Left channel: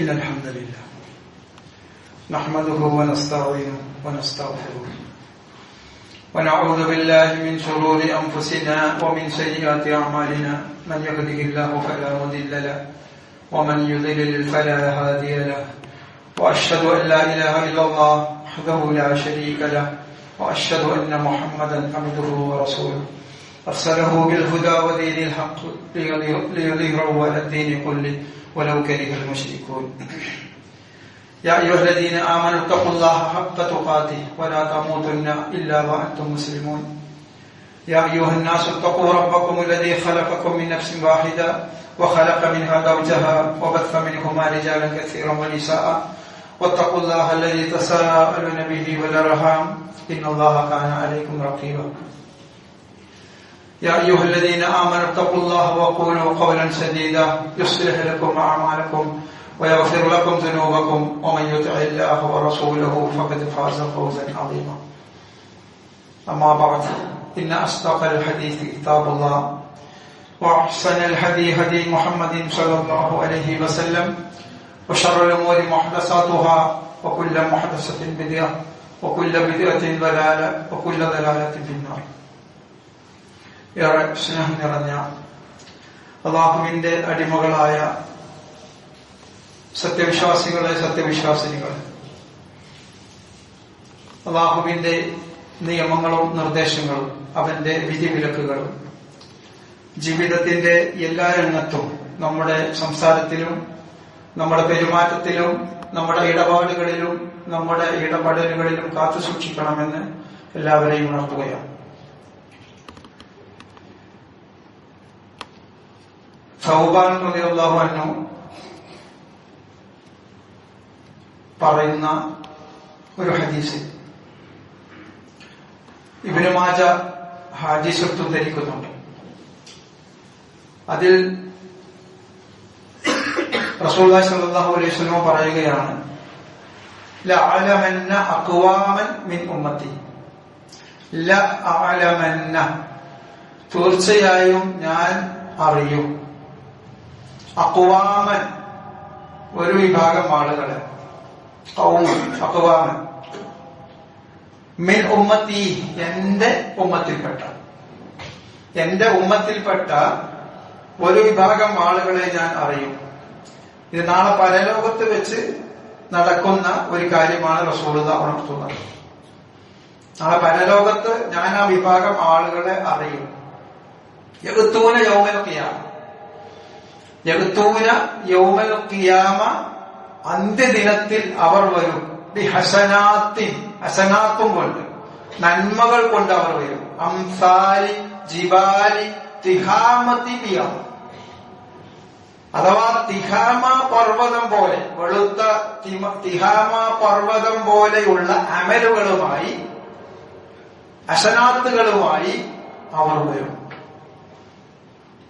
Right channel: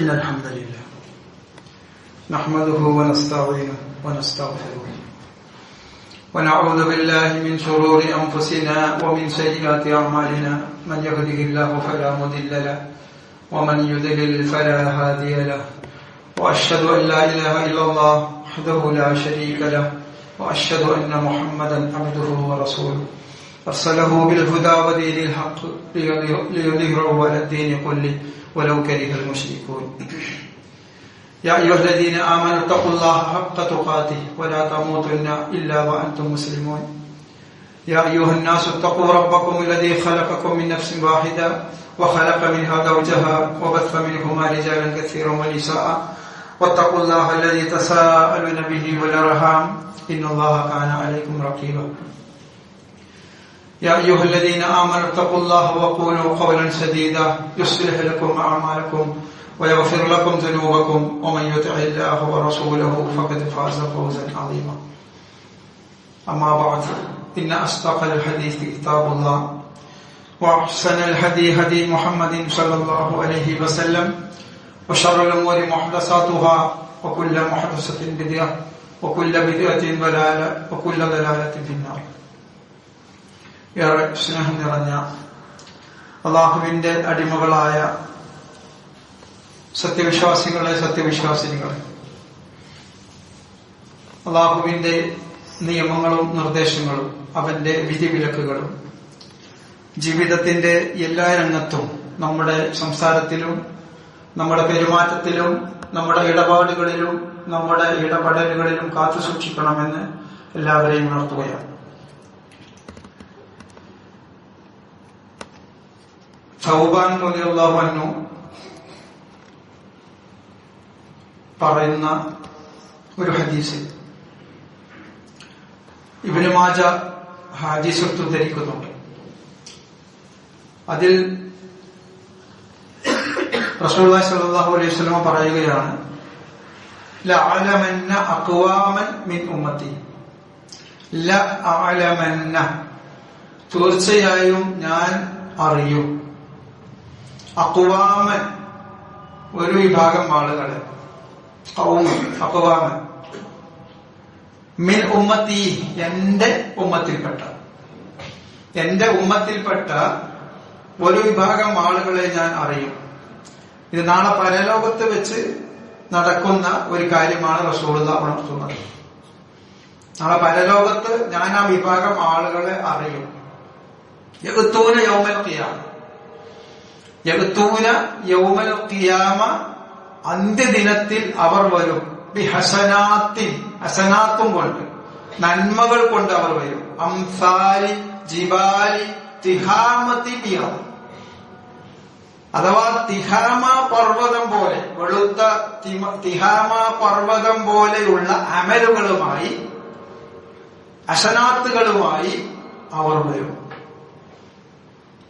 إن الحمد لله نحمده ونستعينه ونستغفره ونعوذ بالله من شرور أنفسنا ومن سيئات أعمالنا من يهده الله فلا مضل له ومن يضلل فلا هادي له وأشهد أن لا إله إلا الله وحده لا شريك له وأشهد أن محمدا عبده ورسوله أرسله بالهدى ودين الحق ليظهره على الدين كله ولو كره المشركون يا أيها الذين آمنوا اتقوا الله حق تقاته ولا تموتن إلا وأنتم مسلمون يا أيها الناس اتقوا ربكم الذي خلقكم من نفس واحدة وخلق منها زوجها وبث منهما رجالا كثيرا ونساء واتقوا الله الذي تساءلون به والأرحام إن الله كان عليكم رقيبا يا أيها الذين آمنوا اتقوا الله وقولوا قولا سديدا يصلح لكم أعمالكم ويغفر لكم ذنوبكم ومن يطع الله ورسوله فقد فاز فوزا عظيما أما بعد إن أصدق الحديث كتاب الله وأحسن الهدي هدي محمد صلى الله عليه وسلم وشر الأمور محدثاتها وكل محدثة بدعة وكل بدعة ضلالة وكل ضلالة في النار. ഏറെ സ്നേഹം നിറഞ്ഞ അല്ലാഹുവിന്റെ അടിമകളായ സത്യവിശ്വാസികളെ സത്യവിശ്വാസിനികളെ, അല്ലാഹുവിന്റെ നിയമങ്ങളും നിർദ്ദേശങ്ങളും അവന്റെ വിധിവിലക്കുകളും ജീവിതത്തിന്റെ എല്ലാ രംഗത്തും നമ്മുടെ സംസാരത്തിലും നമ്മുടെ പെരുമാറ്റത്തിലും നമ്മുടെ ഇടപാടുകളിലും നമ്മുടെ ഇടപെടലുകളിലും കാത്തു സൂക്ഷിക്കണമെന്ന് എല്ലാവരെയും ഉണർത്തുകയാണ്. സൗബാൻ റളിയല്ലാഹു അൻഹു പറയുന്ന ഒരു ഹദീസ് ഇബ്നു മാജ ഹദീസ് ഉദ്ധരിക്കുന്നുണ്ട്. അതിൽ റസൂലുള്ളാഹി സ്വല്ലല്ലാഹു അലൈഹി വസല്ലം പറയുകയാണ്, ലഅലമന്ന അഖ്വാമൻ മിൻ ഉമ്മത്തി, ലഅലമന്ന തീർച്ചയായും ഞാൻ അറിയും, അഖ്വാമൻ ഒരു വിഭാഗം ആളുകളെ, അഖ്വാമൻ മിൻ ഉമ്മത്തി എന്റെ ഉമ്മത്തിൽപ്പെട്ട ഒരു വിഭാഗം ആളുകളെ ഞാൻ അറിയും. ഇത് നാളെ പരലോകത്ത് വെച്ച് നടക്കുന്ന ഒരു കാര്യമാണ് റസൂലുള്ളാഹി ഉണർത്തുന്നത്. നാളെ പരലോകത്ത് ഞാൻ ആ വിഭാഗം ആളുകളെ അറിയും. യഗ്തൂന യൗമൽ ഖിയാമ, യഗ്തൂന യൗമൽ ഖിയാമ, അന്ത്യദിനത്തിൽ അവർ വരും. ബിഹസനാത്തിൻ, ഹസനാത്തും കൊണ്ട്, നന്മകൾ കൊണ്ട് അവർ വരും. അംസാലി ജിബാലി തിഹാമതി ബിയാം, അഥവാ തിഹാമ പർവ്വതം പോലെ, വെളുത്ത തിഹാമ പർവ്വതം പോലെയുള്ള അമലുകളുമായി, ഹസനാത്തുകളുമായി അവർ വരും.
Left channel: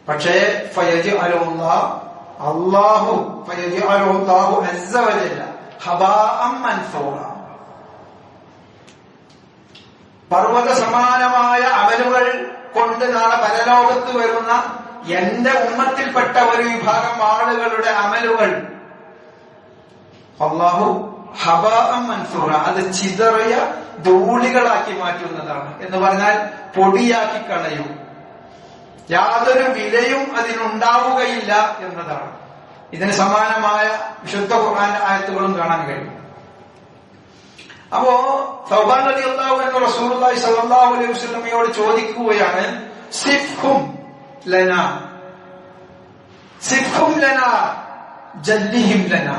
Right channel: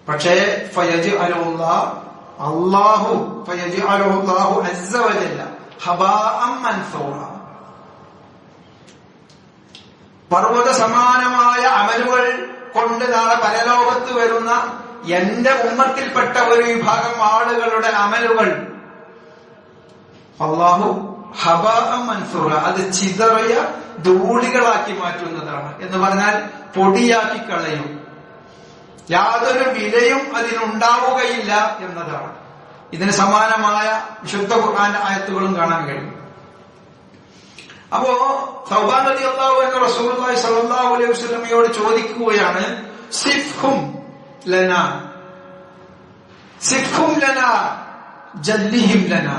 പക്ഷേ അല്ലാഹു അസ്സ വജല്ല ഹബാഅൻ മൻസൂറ, പർവ്വത സമാനമായ അമലുകൾ കൊണ്ട് നാളെ പരലോകത്ത് വരുന്ന എന്റെ ഉമ്മത്തിൽപ്പെട്ട ഒരു വിഭാഗം ആളുകളുടെ അമലുകൾ അല്ലാഹു ഹബാഅൻ മൻസൂറ, അത് ചിതറിയ ധൂളികളാക്കി മാറ്റുന്നതാണ്. എന്ന് പറഞ്ഞാൽ പൊടിയാക്കി കളയും, യാതൊരു വിലയും അതിനുണ്ടാവുകയില്ല എന്നതാണ്. ഇതിന് സമാനമായ വിശുദ്ധ ഖുർആൻ ആയത്തുകളും കാണാൻ കഴിയും. അപ്പോ സൗബാൻ റളിയല്ലാഹു അൻഹു റസൂലുള്ളാഹി സ്വല്ലല്ലാഹു അലൈഹി വസല്ലമയോട് ചോദിക്കുകയാണ്, സിഫ്ഹും ലനാ, സിഫ്ഹും ലനാ ജല്ലിഹിം ലനാ,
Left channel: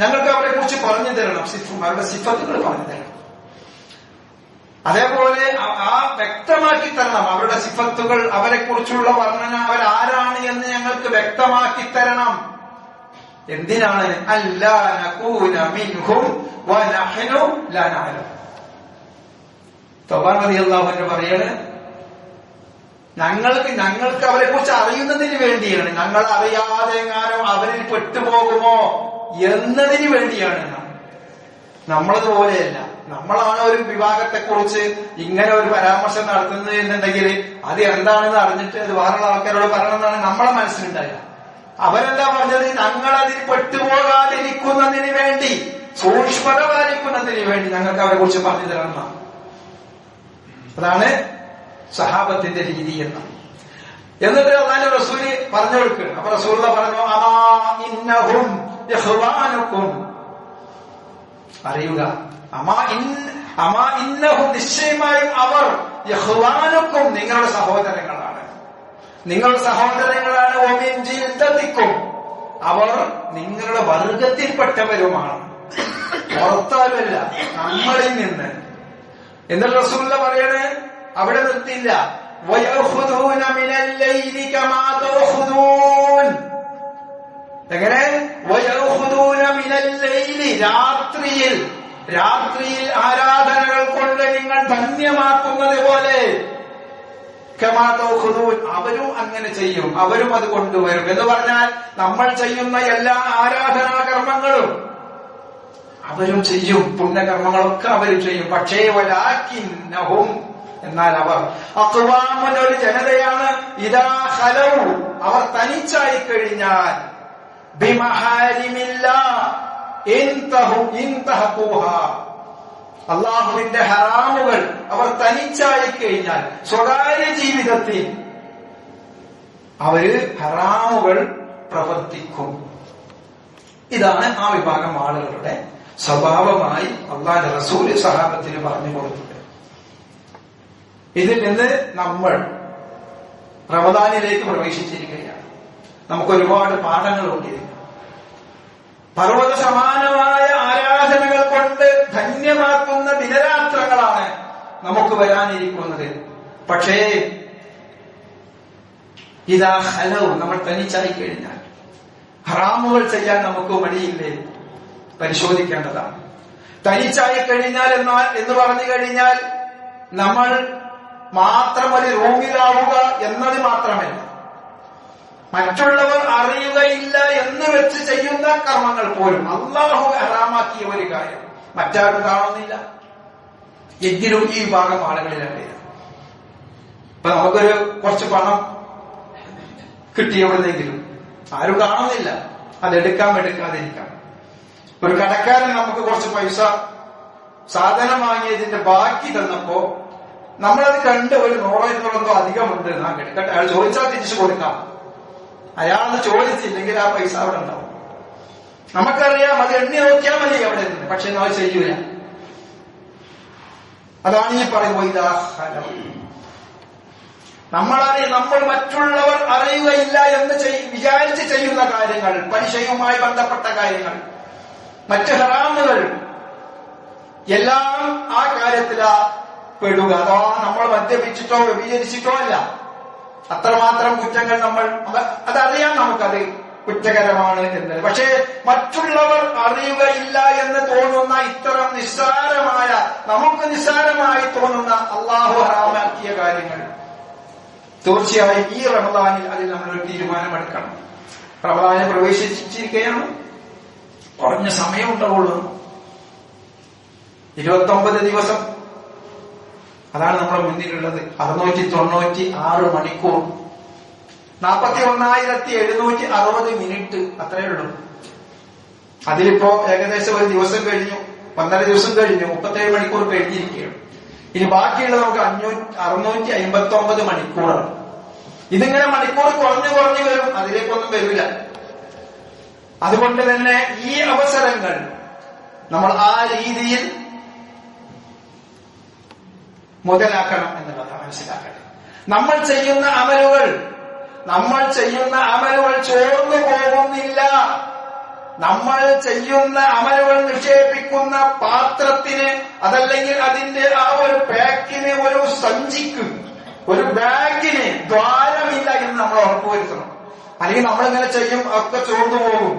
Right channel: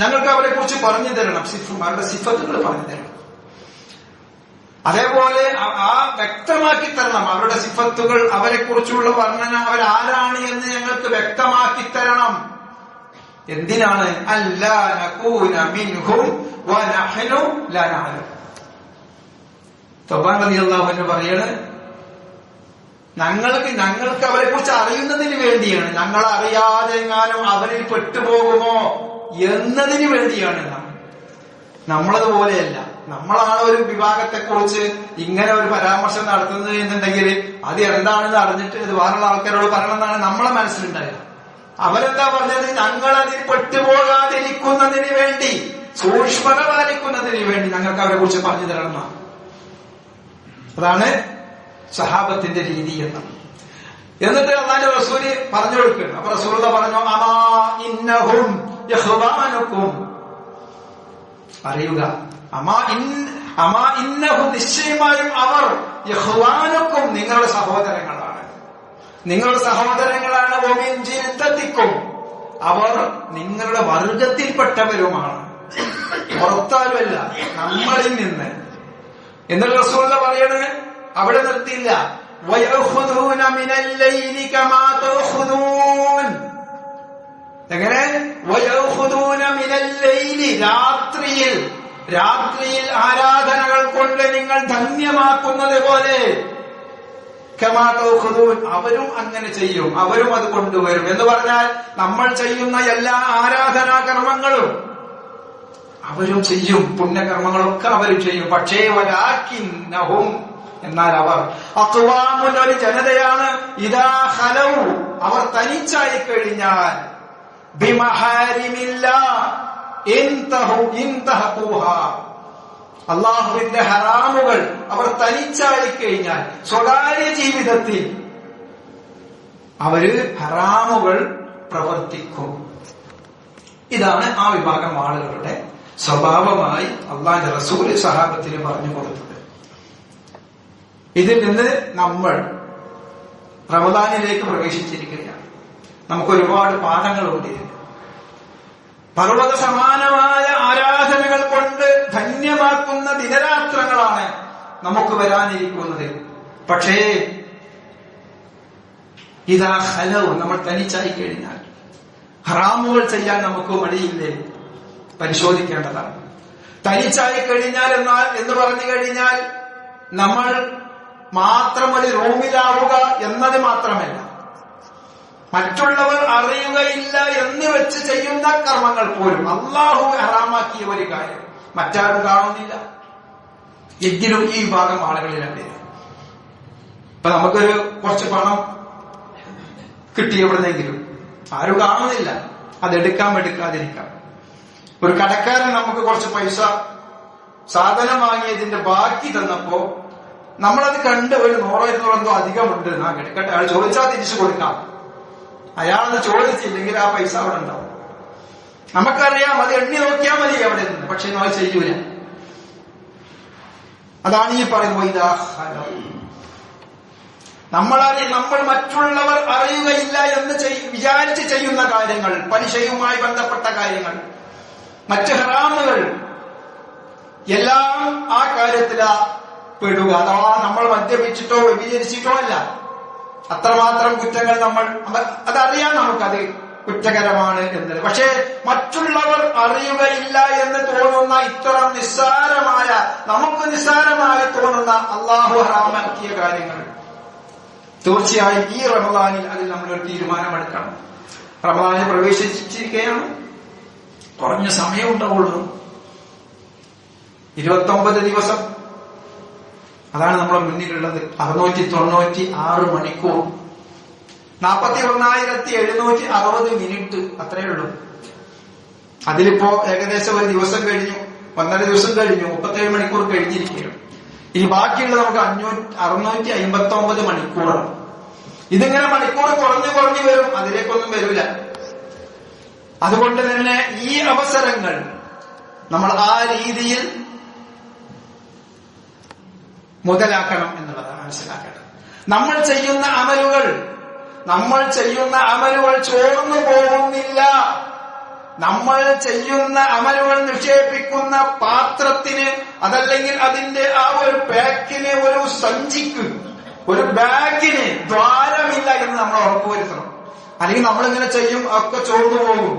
ഞങ്ങൾക്ക് അവരെ കുറിച്ച് പറഞ്ഞു തരണം, സിഫും അവരുടെ സിഫത്തുകൾ പറഞ്ഞു തരണം. അതേപോലെ ആ വ്യക്തമാക്കി തരണം അവരുടെ സിഫത്തുകൾ, അവരെ കുറിച്ചുള്ള വർണ്ണന, അവരാരാണ് എന്ന് ഞങ്ങൾക്ക് വ്യക്തമാക്കി തരണം. എന്തിനാണ്? അല്ലാ നകൂന മിൻഹും വനഹ്നു ലാ നഅലം. സൗബാൻ റളിയല്ലാഹു അൻഹു പറയാണ്, ഞങ്ങൾക്ക് അവരെ കുറിച്ച് അറിയുന്നതിന് വേണ്ടിയാണ്, ഞങ്ങൾ അറിയാതെ എങ്ങാനും അവരിൽ പെട്ടുപോകുമോ എന്നതിന് വേണ്ടിയാണ്. നമ്മളതുപോലെയല്ല. നമ്മളാണ് ഒരു വിഭാഗത്തെ കുറിച്ച് ഇങ്ങനെ ഒരു പരാമർശം നടത്തുന്നത് എന്നുണ്ടെങ്കിൽ അത് എന്താണെന്ന് അറിഞ്ഞിട്ട് അത് വേറെ ആൾക്കാരോട് പറയണമെന്നാണ് നമ്മളെ മനസ്സിലുണ്ടായത്. അവരെന്താ പറഞ്ഞത്? ഞങ്ങൾ അതിൽ പെട്ടുപോകാതിരിക്കും സൂക്ഷ്മത പാലിക്കുന്നതിന് വേണ്ടി ഞങ്ങൾക്ക് അവരെ കുറിച്ച് പറഞ്ഞു തരണം. അതാണ് സഹാബത്തിന്റെ രീതി എന്ന്. എന്നിട്ട് അല്ലാഹുവിന്റെ റസൂല് പറഞ്ഞു കൊടുക്കണം. അപ്പൊ റസൂലുള്ള പറഞ്ഞു, അമാ ഇന്നഹും ഇഖ്വാനുക്കും, അറിയുക, അമാ ഇന്നഹും, നിശ്ചയമായും അവർ, ഇഖ്വാനുക്കും, നിങ്ങളുടെ സഹോദരങ്ങളാണ്, നിങ്ങളുടെ സഹോദരങ്ങളാണ്, വമിൻ ജിൽദതിക്കും, അവർ നിങ്ങളുടെ വർഗത്തിൽപ്പെട്ടവരുമാണ്, പുറത്താരുമല്ല, നമ്മളിൽ നിന്ന്. എന്നിട്ട് റസൂലുള്ള പറയണേ, അവിടെ നിർത്തിയില്ല, വയഖുദൂന മിനൽ ലൈലി കമാ തഖുദൂൻ. എങ്ങനെ? വയഖുദൂന മിനൽ ലൈലി, രാത്രിയിൽ ആരാധനകൾ കൊണ്ട് നിങ്ങൾ ധന്യമാക്കുന്നത് പോലെ, കമാ തഖുദൂൻ, അവരും അങ്ങനെ ചെയ്യും, അവരും അത് കൊണ്ടുവരും. എന്ന് പറഞ്ഞാൽ നമ്മൾ ചെയ്യുന്ന എല്ലാ ആരാധനാ കർമ്മങ്ങളും അവരും ചെയ്യും, പുണ്യകർമ്മങ്ങളൊക്കെ അവരും ചെയ്യും. പക്ഷേ വലാകിന്നഹും, എന്നാൽ അവർ, അഖ്വാമുൻ, ഒരു ജനതയാണ്, ഇദാ ഖലൗ, അവർ തനിച്ചായി കഴിഞ്ഞാൽ, ബിമഹാരിമില്ലാഹ് ഇൻതഹഖൂഹാ, അല്ലാഹുവിന്റെ ഹറാമുകൾ അവർ തനിച്ചായി കഴിഞ്ഞാൽ, സ്വകാര്യ ജീവിതത്തിൽ അവര് ഹറാമുകൾ പ്രവർത്തിക്കും. ഇതാണ് ആ വിഭാഗം ആളുകളുടെ സ്വഭാവമായി അല്ലാഹുവിന്റെ റസൂല് സഹാബത്തിന് പറഞ്ഞു കൊടുത്തത്. ഇതിൽ നിന്ന് നമ്മൾ റമദാനിലേക്ക് പ്രവേശിച്ചിരിക്കുകയാണ്. നമുക്ക് ഒരുപാട് പാഠങ്ങളുണ്ട് ഇതിൽ. പർവ്വത സമാനമായ ആരാധനകൾ കൊണ്ട് ധന്യമാക്കുന്ന ദിനരാത്രങ്ങളാണ് നമുക്ക് വരാനിരിക്കുന്നത്. പക്ഷേ ഇതാ ഹലവും, നമ്മൾ തനിച്ചായി കഴിഞ്ഞാൽ ഹറാമുകൾ ചെയ്യാൻ നമുക്ക് മടിയില്ലേ? പരിശോധിക്കേണ്ടതാണ്. തനിച്ചായി കഴിഞ്ഞാൽ എന്ന് പറഞ്ഞു കഴിഞ്ഞാൽ നമ്മൾ മാത്രം ഒരു റൂമിലാവുക എന്നത് മാത്രമല്ല, മറ്റുള്ളവർ അറിയുകയില്ല എന്ന് വെച്ച് ചെയ്യുന്ന കർമ്മങ്ങൾ പോലും അല്ലാഹു ഹറാമാക്കിയ ഒരു കാര്യം മറ്റാരും കാണുന്നില്ല. എങ്കിലും ഈ വിഭാഗം ആളുകളിലല്ലേ. ഇപ്പൊ നമുക്കൊരു കുറച്ച് പണം കിട്ടിയവിടുന്നെങ്കിലും ആരും കാണുന്നില്ല, അതെടുക്കാം എടുക്കാതിരിക്കാം. ഒരു കടക്കാരൻ നമുക്ക് കുറച്ച് പൈസ സാധനം വാങ്ങിയതിന്റെ ബാക്കി തന്നപ്പോ നമ്മളത് കണ്ട് ഒരു 100-200 അധികമുണ്ട്, എടുക്കട്ടെ, അയാൾ ചോദിച്ചാൽ തിരിച്ചു കൊടുക്കാം. അയാളത് ചോദിച്ചില്ലെങ്കിൽ ആ പൈസ അവിടെ ഉണ്ടാവും. നമുക്കറിയാം, അത് എണ്ണി നോക്കിയാൽ മതി അവിടെ നിന്ന്. പക്ഷെ അത് ചെയ്യൂല. അതാണ് ഈ പറയുന്നത്. നമ്മൾ മറ്റുള്ളവർ അറിയുകയില്ല എന്ന് വിചാരിച്ച് ചെയ്യുന്ന കാര്യങ്ങൾ, പലിശയുമായി ബന്ധപ്പെട്ട കാര്യങ്ങൾ, മറ്റ് ഹറാമുകൾ എല്ലാം ആ കാര്യത്തിലാ പെടുക. അഥവാ നമ്മൾ മദ്യപിച്ചിട്ടോ വ്യഭിചരിച്ചിട്ടോ അല്ല, അത്രമാത്രം കുറ്റങ്ങൾ അതറിയാം, നമുക്കത് കുറ്റകരമാണ് എന്നത്. പക്ഷേ മറ്റുള്ളവർ അറിയുകയില്ല എന്ന് തോന്നുന്ന ഇത്തരം നിസ്സാരമായ, നമുക്ക് നിസ്സാരമായി തോന്നുന്ന അല്ലാഹു ഹറാമാക്കിയ കാര്യങ്ങൾ തീർച്ചയായും ഈ റമദാനിൽ അതിൽ നമ്മളൊരു തീരുമാനമെടുക്കണം. റമദാനിൽ പ്രവേശിച്ചിരിക്കുകയാണ്, കുറഞ്ഞ സമയം ഉണ്ടാവുള്ളൂ, 29 ദിവസം. അതാണ് നമ്മുടെ മുന്നിലുള്ളത്. 696 മണിക്കൂർ, 41,760 മിനിറ്റ്, അത്രയേ ഉള്ളൂ. അതിലിപ്പോ ഏകദേശം ഒരു ദിവസം കഴിഞ്ഞു, 1.5 ദിവസം കഴിഞ്ഞു, 37 മണിക്കൂർ കഴിഞ്ഞിരിക്കുകയാണ്. ഇനി ബാക്കിയുള്ള നമുക്ക് 659 മണിക്കൂറാണ്. ഇതിങ്ങനെ മണിക്കൂർ കുറഞ്ഞു വരും, അതിലേക്കൊന്നും വരില്ല. അതുകൊണ്ട് തന്നെ ഈ അവസരങ്ങൾ നമ്മൾ ആ രീതിയിൽ മുതലാക്കണം എന്നുള്ളത് മനസ്സിലാക്കണം. നമ്മൾ ചെയ്യുന്ന അമലുകൾ ചോർന്നു പോകുന്നില്ല. നമ്മൾ ചെയ്യുന്ന അമലുകൾ നിക്ഷേപിക്കുന്ന പാത്രത്തിന്, അതല്ലെങ്കിൽ അതിന്റെ ആ ഒരു പാക്കിന്, ഒരു സഞ്ചിക്ക്, ഒരു ബാഗിന് ദ്വാരമില്ല എന്ന് നമ്മൾ ഉറപ്പുവരുത്തണം. അല്ലെങ്കിൽ നമ്മളിങ്ങനെ ചെയ്യും, ഒക്കെ ചോർന്നു പോകും.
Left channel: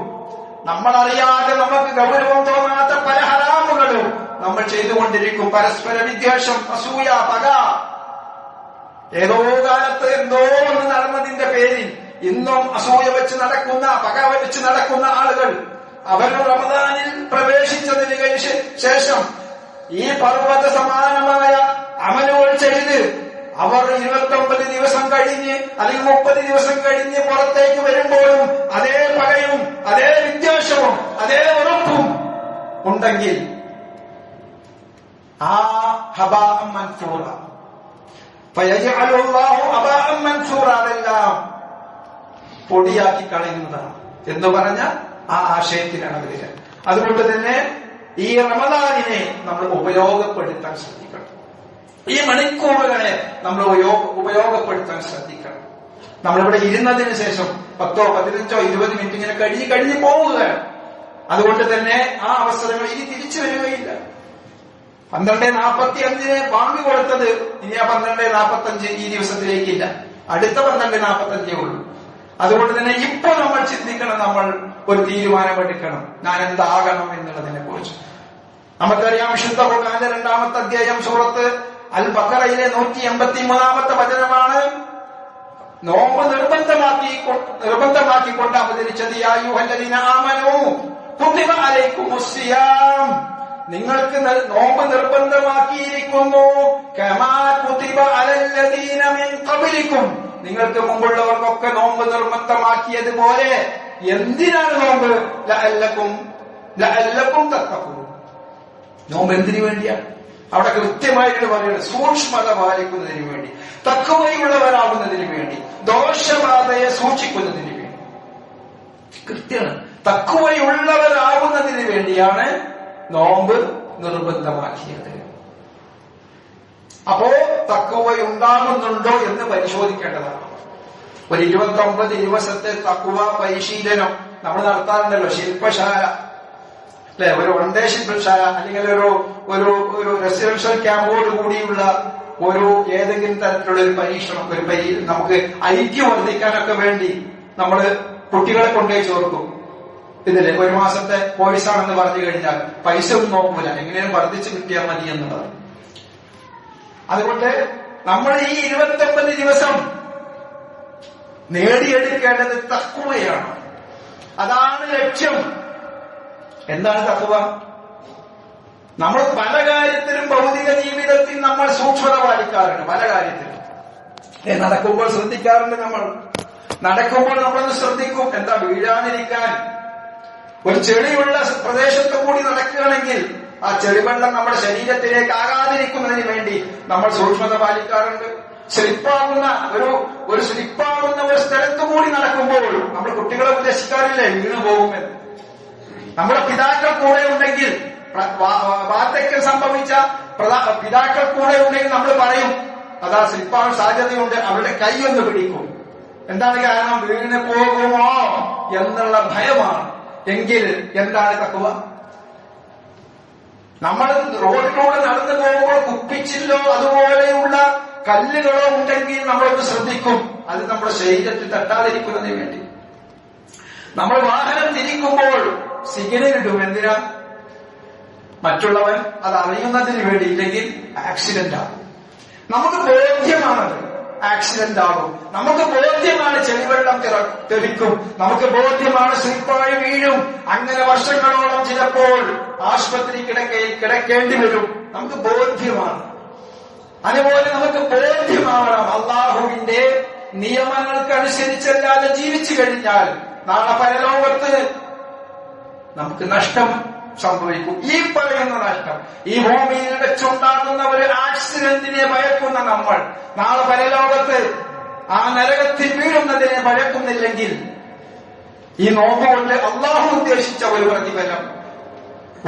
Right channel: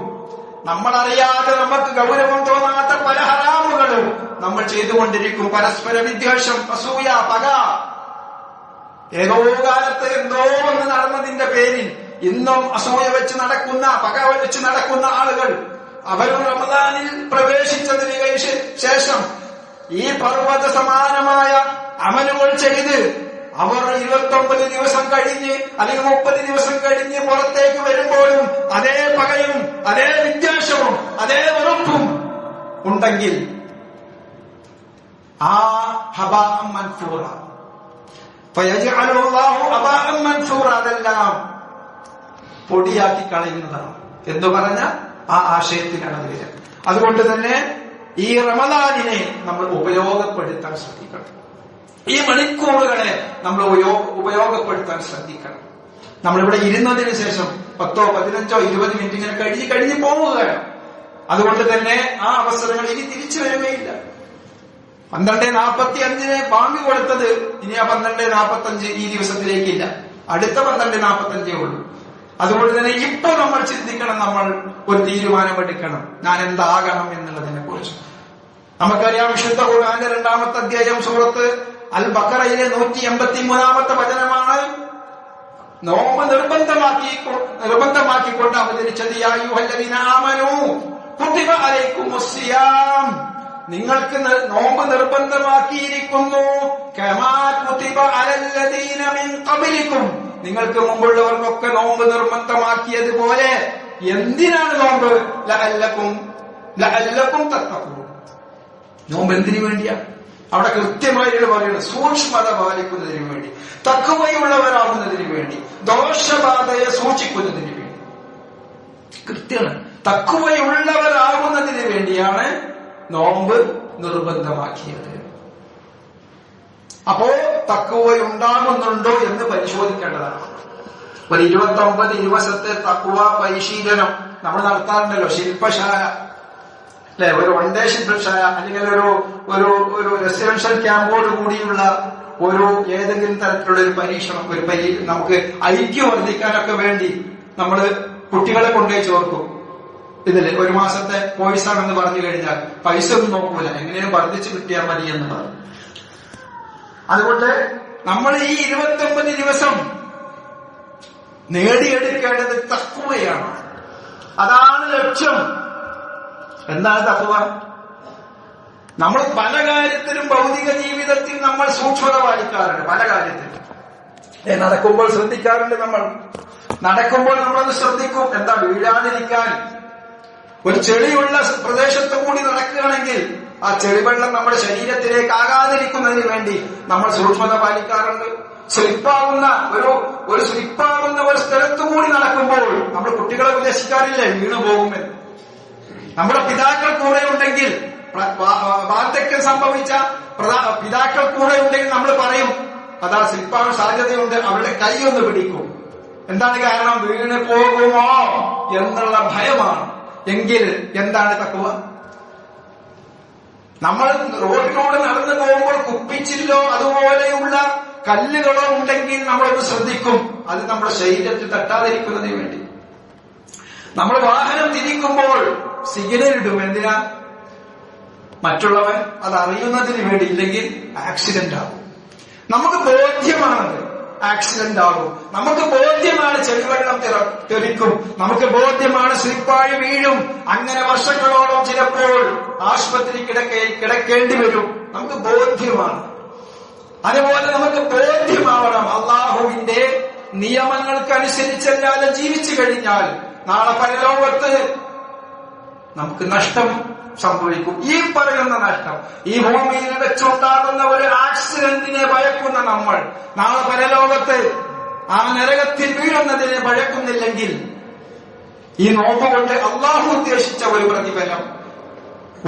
നമ്മളറിയാതെ നമുക്ക് ഗൗരവം തോന്നാത്ത പല ഹറാമുകളും നമ്മൾ ചെയ്തുകൊണ്ടിരിക്കും. പരസ്പര വിദ്വേഷം, അസൂയ, പക, ഏതോ കാലത്ത് എന്തോ ഒന്ന് നടന്നതിന്റെ പേരിൽ ഇന്നും അസൂയ വെച്ച് നടക്കുന്ന, പക വെച്ച് നടക്കുന്ന ആളുകൾ, അവർ റമദാനിൽ പ്രവേശിച്ചതിന് ശേഷം ഈ പർവ്വത സമാനമായ അമലുകൾ ചെയ്ത് അവർ 29 ദിവസം കഴിഞ്ഞ് അല്ലെങ്കിൽ 30 ദിവസം കഴിഞ്ഞ് പുറത്തേക്ക് വരുമ്പോഴും അതേ പകയും അതേ വിദ്വേഷവും അതേ ഉറപ്പും ഉണ്ടെങ്കിൽ ആ ഹബാഅൻ മൻസൂറ ഫയജഅലുല്ലാഹു ഹബാഅൻ മൻസൂറ, അതെല്ലാം പൊടിയാക്കി കളയുന്നതാണ് എന്ന് പറഞ്ഞ ആ ആശയത്തിലാണ് വരിക. അതുകൊണ്ട് തന്നെ ഈ റമദാനിനെ നമ്മൾ ഉപയോഗപ്പെടുത്താൻ ശ്രദ്ധിക്കണം. ഈ മണിക്കൂറുകളെ നമ്മൾ ഉപയോഗപ്പെടുത്താൻ ശ്രദ്ധിക്കണം. നമ്മളിവിടെ ഇരുന്നതിന് ശേഷം 10, 15, 20 മിനിറ്റ് ഇങ്ങനെ കഴിഞ്ഞു പോവുകയാണ്. അതുകൊണ്ട് തന്നെ ആ അവസരങ്ങൾ ഇനി തിരിച്ചു വരികയില്ല. 12:45 ബാങ്ക് കൊടുത്തത് ഇനി ആ 12:45 ഈ ദിവസത്തിലേക്കില്ല, അടുത്ത 12:45 ഉള്ളൂ. അതുകൊണ്ട് തന്നെ ഇപ്പൊ നമ്മൾ ചിന്തിക്കണം, നമ്മൾ ഒരു തീരുമാനമെടുക്കണം, ഞാൻ എന്താകണം എന്നുള്ളതിനെ കുറിച്ച്. നമുക്കറിയാം, വിശുദ്ധ ഖുർആനിലെ 2-ാമത്തെ അധ്യായം സൂറത്ത് അൽ ബഖറയിലെ 183-ാമത്തെ വചനമാണ് നോമ്പ് നിർബന്ധമാക്കിക്കൊണ്ട് അവതരിച്ചത്. യാ അയ്യുഹല്ലദീന ആമനൂ കുതിബ അലൈക്കുമുസ് സിയാം, നിങ്ങൾക്ക് നോമ്പ് നിർബന്ധമാക്കിയിരിക്കുന്നു. കമാ കുതിബ അലല്ലദീന മിൻ ഖബ്ലിക്കും, നിങ്ങൾക്ക് മുമ്പുള്ളവർക്കൊക്കെ നോമ്പ് നിർബന്ധമാക്കിയതുപോലെ. എന്തിനാണ് നോമ്പ്? ലഅല്ലക്കും തഖ്വൂൻ. നോമ്പ് എന്തിനു വേണ്ടിയാ? അവിടെ കൃത്യമായിട്ട് പറയുന്നത് സൂക്ഷ്മത പാലിക്കുന്നതിന് വേണ്ടി, തഖ്വയുള്ളവരാകുന്നതിന് വേണ്ടി, ദോഷബാധയെ സൂക്ഷിക്കുന്നതിന് വേണ്ടി. കൃത്യമാണ്, തഖ്വയുള്ളവരാകുന്നതിന് വേണ്ടിയാണ് നോമ്പ് നിർബന്ധമാക്കിയത്. അപ്പോ തഖ്വയുണ്ടാകുന്നുണ്ടോ എന്ന് പരിശോധിക്കേണ്ടതാണ്. ഒരു 29 ദിവസത്തെ തഖ്വ പരിശീലനം നമ്മൾ നടത്താറുണ്ടല്ലോ, ശില്പശാല അല്ലെ, ഒരു വൺ ഡേ ശില്പശാല, അല്ലെങ്കിൽ ഒരു റെസിഡൻഷ്യൽ ക്യാമ്പോട് കൂടിയുള്ള ഒരു ഏതെങ്കിലും തരത്തിലുള്ള ഒരു പരീക്ഷണം, നമുക്ക് ഐക്യം വർദ്ധിക്കാനൊക്കെ വേണ്ടി നമ്മൾ കുട്ടികളെ കൊണ്ടുപോയി ചേർക്കും. ഇതില് 1 മാസത്തെ കോഴ്സാണെന്ന് പറഞ്ഞു കഴിഞ്ഞാൽ പൈസ ഒന്നും നോക്കൂല, എങ്ങനെയും വർദ്ധിച്ചു കിട്ടിയാൽ മതി എന്നുള്ളത്. അതുകൊണ്ട് നമ്മൾ ഈ 29 ദിവസം നേടിയെടുക്കേണ്ടത് തഖ്വയാണ്. അതാണ് ലക്ഷ്യം. എന്താണ് തഖ്വ? നമ്മൾ പല കാര്യത്തിലും ഭൗതിക ജീവിതത്തിൽ നമ്മൾ സൂക്ഷ്മത പാലിക്കാറുണ്ട്. പല കാര്യത്തിലും നടക്കുമ്പോൾ ശ്രദ്ധിക്കാറുണ്ട്. നടക്കുമ്പോൾ നമ്മളത് ശ്രദ്ധിക്കും, എന്താ വീഴാതിരിക്കാൻ. ഒരു ചെളിയുള്ള പ്രദേശത്ത് കൂടി നടക്കുകയാണെങ്കിൽ ആ ചെളിവെള്ളം നമ്മുടെ ശരീരത്തിലേക്ക് ആകാതിരിക്കുന്നതിന് വേണ്ടി നമ്മൾ സൂക്ഷ്മത പാലിക്കാറുണ്ട്. സ്ലിപ്പാകുന്ന ഒരു സ്ഥലത്തു കൂടി നടക്കുമ്പോൾ നമ്മൾ കുട്ടികളെ ഉപദേശിക്കാറില്ലേ, വീണു പോകുമെന്ന്. നമ്മുടെ പിതാക്കൾ കൂടെ ഉണ്ടെങ്കിൽ, വാർദ്ധക്യം സംഭവിച്ച പിതാക്കൾ കൂടെ ഉണ്ടെങ്കിൽ നമ്മൾ പറയും, അതാ സ്ലിപ്പാകാൻ സാധ്യതയുണ്ട്, അവരുടെ കൈ ഒന്ന് പിടിക്കും. എന്താണ് കാരണം? വീണ് പോകുമോ എന്നുള്ള ഭയമാണ്. എങ്കിൽ എന്താണ് തഖ്വ? നമ്മൾ റോഡിലൂടെ നടന്നു പോകുമ്പോൾ കുപ്പിച്ചില്ലോ അതുപോലെയുള്ള കല്ലുകളോ ഉണ്ടെങ്കിൽ നമ്മളൊന്ന് ശ്രദ്ധിക്കും, അത് നമ്മുടെ ശരീരത്തിൽ തട്ടാതിരിക്കുന്നതിന് വേണ്ടി. നമ്മൾ വാഹനം തിരിക്കുമ്പോൾ സിഗ്നൽ ഇടും. എന്തിനാ? മറ്റുള്ളവൻ അത് അറിയുന്നതിന് വേണ്ടി. ഇല്ലെങ്കിൽ ആക്സിഡന്റ് ആകും. നമുക്ക് ബോധ്യമാണ് ആക്സിഡന്റ് ആകും, നമുക്ക് ബോധ്യമാണ് ചെളിവെള്ളം തെറിക്കും, നമുക്ക് ബോധ്യമാണ് സ്ലിപ്പായി വീഴും. അങ്ങനെ വർഷങ്ങളോളം ചിലപ്പോൾ ആശുപത്രി കിടക്കേണ്ടി വരും. നമുക്ക് ബോധ്യമാണ്. അതുപോലെ നമുക്ക് ബോധ്യമാവണം, അള്ളാഹുവിന്റെ നിയമങ്ങൾക്കനുസരിച്ചല്ലാതെ ജീവിച്ചു കഴിഞ്ഞാൽ നാളെ പരലോകത്ത് നമുക്ക് നഷ്ടം സംഭവിക്കും. ഈ പറയുന്ന നഷ്ടം, ഈ ഭൂമിയിൽ വെച്ചുണ്ടാകുന്ന ഒരു ആക്സിഡന്റിനെ ഭയക്കുന്ന നമ്മൾ നാളെ പരലോകത്ത് ആ നരകത്തിൽ വീഴുന്നതിനെ ഭയക്കുന്നില്ലെങ്കിൽ ഈ നോക്കുകൊണ്ട് അള്ളാഹു ഉദ്ദേശിച്ച ഒരു പ്രതിഫലം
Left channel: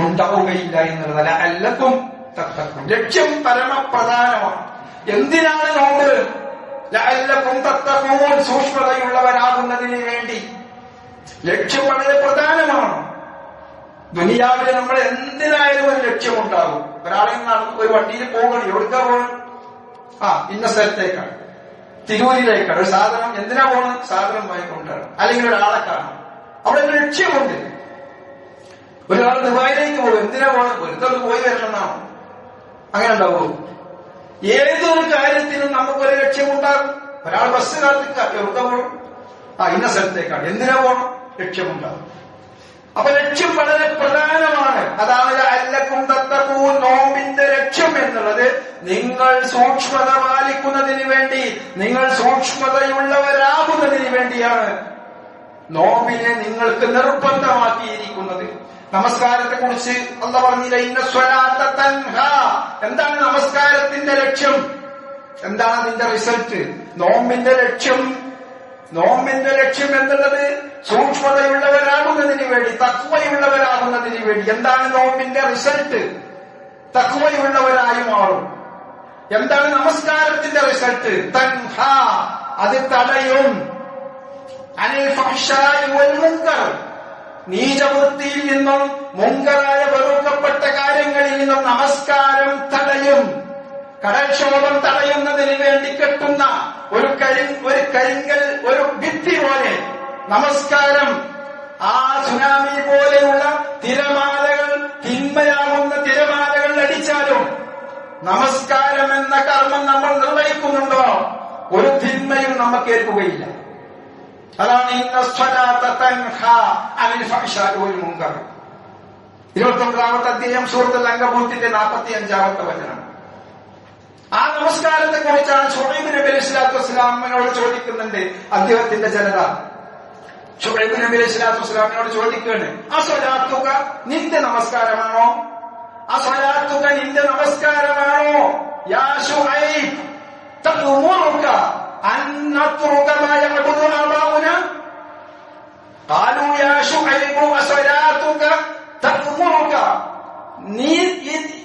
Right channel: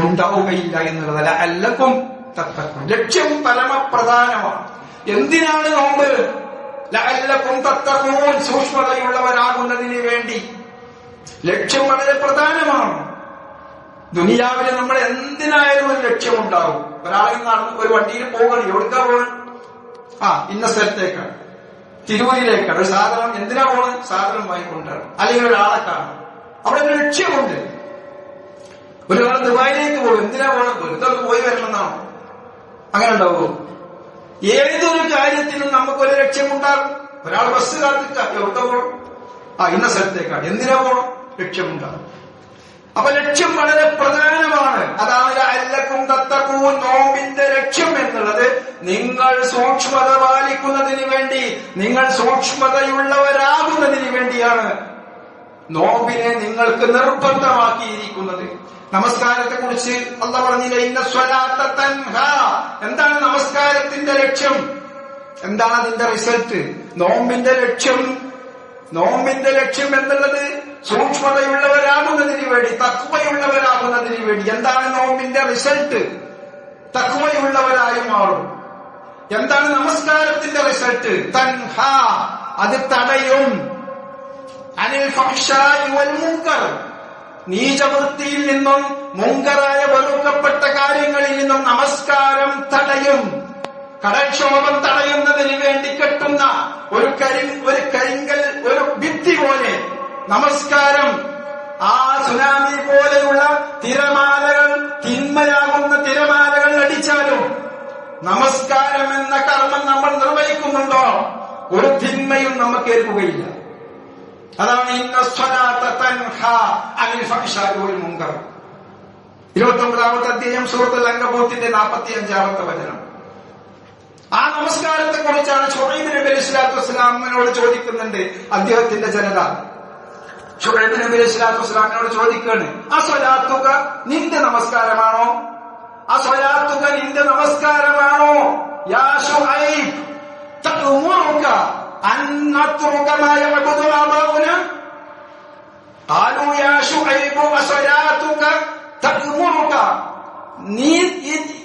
ഉണ്ടാവുകയില്ല എന്നുള്ളതല്ല. അല്ലക്കും തത്തക്കും ലക്ഷ്യം പരമപ്രധാനമാണ്. എന്തിനാണ് നോമ്പ്? ലഅല്ലക്കും തത്തഖൂൻ, സൂക്ഷ്മതയുള്ളവരാകുന്നതിന് വേണ്ടി. ലക്ഷ്യം വളരെ പ്രധാനമാണ്. ദുനിയാവിന് നമ്മൾ എന്തിനായാലും ഒരു ലക്ഷ്യമുണ്ടാവും. ഒരാളെ ഒരു വണ്ടിയിൽ പോകണം, എവിടുക്കാ പോകണം? ഇന്ന സ്ഥലത്തേക്കാണ്, തിരൂരിലേക്കാണ്. ഒരു സാധനം എന്തിനാ പോകണം? സാധനം വാങ്ങിക്കൊണ്ടാണ്, അല്ലെങ്കിൽ ഒരാളെ കാണണം. അവിടെ ഒരു ലക്ഷ്യമുണ്ട്. ഒരാൾ ദുബായിലേക്ക് പോകും, എന്തിനാ പോകണം? വെറുതെ പോയി വരണമെന്നാണോ? അങ്ങനെ ഉണ്ടാവുമോ? ഏതൊരു കാര്യത്തിനും നമുക്കൊരു ലക്ഷ്യമുണ്ടാകും. ഒരാൾ ബസ് കാത്തിട്ട എവിടെ പോകണം? ഇന്ന സ്ഥലത്തേക്കാണ്, എന്തിനാ പോകണം? ലക്ഷ്യമുണ്ടാകും. അപ്പൊ ലക്ഷ്യം വളരെ പ്രധാനമാണ്. അതാണ് ലഅല്ലക്കും തത്തഖൂൻ, നോമ്പിന്റെ ലക്ഷ്യം എന്നുള്ളത് നിങ്ങൾ സൂക്ഷ്മത പാലിക്കുന്നതിന് വേണ്ടി, നിങ്ങൾ സൂക്ഷ്മതയുള്ളവരാകുന്നതിന് വേണ്ടിയാണ് നോമ്പിനെ നിങ്ങൾക്ക് നിർബന്ധമാക്കിയിരിക്കുന്നത്. നമസ്കാരത്തെ കുറിച്ച് അല്ലാഹു പറഞ്ഞില്ല, ഇന്ന സ്വലാത്ത തൻഹാ. എന്താണ് നമസ്കാരത്തിന്റെ ലക്ഷ്യം? എന്താണ് അതിന്റെ റിസൾട്ട്? നോമ്പിന്റെ ലക്ഷ്യം എന്നുള്ളത് സൂക്ഷ്മതയുള്ളവരാകുന്നതിന് വേണ്ടി, തഖ്വയുള്ളവരാകുന്നതിന് വേണ്ടി. എന്താണ് നോമ്പിന്റെ റിസൾട്ട്? തഖ്വയുള്ളവരായി മാറും. എന്താണ് നമസ്കാരത്തിന്റെ റിസൾട്ട്? തൻഹാ, അത് തടയും. അനിൽ ഫഹ്ശാഇ വൽ മുൻകർ, നീചവൃത്തിയിൽ നിന്നും മുൻകറായ വെറുക്കപ്പെട്ട കാര്യങ്ങളിൽ നിന്നും നമസ്കാരം തടയും. കടൽക്ഷോഭം തടയുന്നതിന് വേണ്ടി കെട്ടുന്ന ഒരു കരിങ്കൽ, ഒരു ഭിത്തി പോലെ നമസ്കാരം. ആ സുനാമി പോലെയുള്ള തിരമാലകൾ, തിന്മയാകുന്ന തിരമാലകൾ അടിച്ചാലും നമസ്കാരം എന്ന കർമ്മം നമ്മൾ നിർവഹിക്കുന്നുണ്ടോ, ഒരു തിന്മയും നമുക്ക് ഏൽക്കുകയില്ല. അതാണ് ഇന്ന സ്വലാത്ത തൻഹാ അനിൽ ഫഹ്ശാഇ വൽ മുൻകർ. 29-ാമത്തെ അധ്യായം സൂറത്തുൽ അൻകബൂത്തിന്റെ 45-ാമത്തെ വചനം. ആ നമസ്കാരത്തെ കുറിച്ചാണ് ശുഐബ് നബി അലൈഹിസ്സലാത്തു വസ്സലാമിനോട് ചോദിക്കുന്നുണ്ട് അദ്ദേഹത്തിന്റെ ജനത. ശുഐബ് നബി അലൈഹിസ്സലാത്തു വസ്സലാമിനോട് ചോദിക്കുകയാണ്, അസ്വലാത്തുക നിന്റെ നമസ്കാരമാണോ? അസ്വലാത്തുക നിന്റെ നമസ്കാരമാണോ? യാ ശുഐബ് തഅമുറുക അൻ നത്റുക മാ യഅബുദു ആബാഉന. ഖാലൂ യാ ശുഐബ് അസ്വലാത്തുക തഅമുറുക, നീ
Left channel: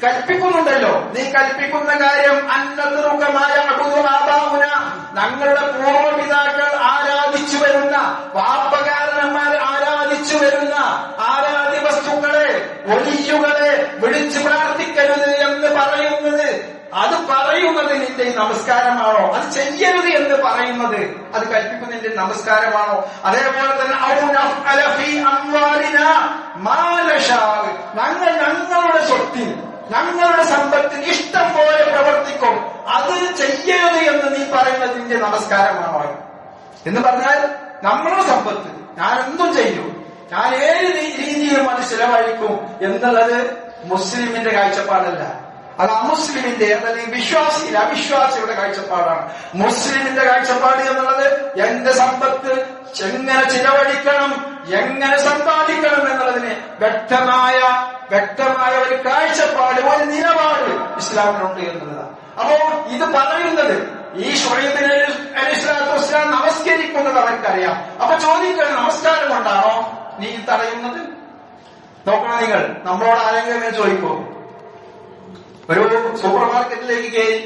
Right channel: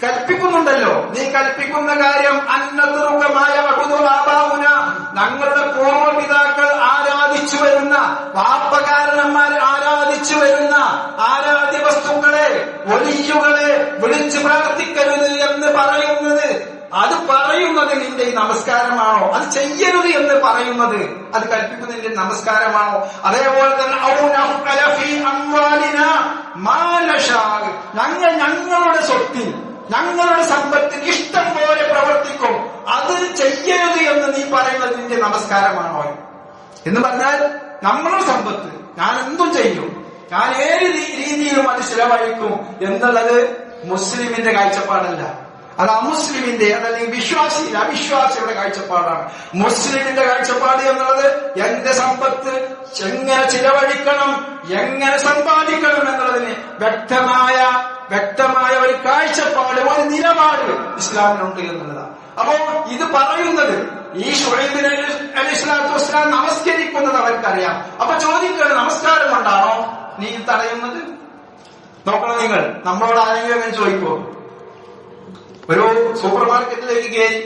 കൽപ്പിക്കുന്നുണ്ടല്ലോ, നീ കൽപ്പിക്കുന്ന കാര്യം അന്നതുറുകമായ അബുദുലാബാഉന, ഞങ്ങളുടെ പൂർവ്വപിതാക്കൾ ആരാധിച്ചു വരുന്ന, വാപ്പകാരണന്മാർ ആരാധിച്ചു വരുന്ന ആരാധ്യ വസ്തുക്കളെ, വലിയുകളെ വിളിച്ചു പ്രാർത്ഥിക്കരുത് എന്ന് പറയുന്നത്, അത് പറയുന്നത് നിന്റെ നമസ്കാരമാണോ? അത് ചെയ്യരുത് എന്ന് പറയുന്നത്, അത് കൽപ്പിക്കുന്നതിന്റെ നമസ്കാരമാണോ? അതേപോലെ തന്നെ ഞങ്ങൾ ഞങ്ങളുടെ സ്വത്തിൽ, ഞങ്ങളുടെ സമ്പത്തിൽ ഇഷ്ടം പോലെ പ്രവർത്തിക്കും, അത് ചെയ്യരുത് എന്ന് നീ പറയുന്നത് നിന്റെ നമസ്കാരമാണോ എന്ന് പറഞ്ഞാൽ, നമ്മളുടെ സമ്പത്ത് ഞാൻ എന്തും ചെയ്യും, ഞാൻ ഏത് രീതിയിലും അത് ചിലവഴിക്കും എന്നുള്ളത് മുസ്ലിമിന്റെ കാഴ്ചപ്പാടല്ല. അത് അമുസ്ലിമിന്റെ, അതല്ലെങ്കിൽ അവിശ്വാസിയുടെ കാഴ്ചപ്പാടാണ്. മുസ്ലിമിന്റെ കാഴ്ചപ്പാട് എന്നുള്ളത് എന്റെ സമ്പത്ത് എങ്ങനെ ചിലവഴിക്കണം, എങ്ങനെ സമ്പാദിക്കണം എന്നുള്ളതിന് വ്യക്തമായ ഒരു കാഴ്ചപ്പാട്, ഒരു നിലപാട് ഇസ്ലാമിനുണ്ട് എന്നുള്ളതാണ്. അപ്പോ ഇത് പറയുന്നത് ഈ ശുഐബ് നബി അലൈഹിസ്സലാത്തു വസ്സലാം നമസ്കരിക്കുന്നത് അവർക്കറിയാം. അപ്പൊ ചോദിക്കണം, നമസ്കാരം കൊണ്ടാണോ നീ തടയുന്നത്? നോക്കണം, നിങ്ങൾ നമ്മളോട് ആരെങ്കിലും അങ്ങനെ ചോദിക്കുമോ? ഒരു സൂപ്പർ മാർക്കറ്റിലേക്ക് കയറി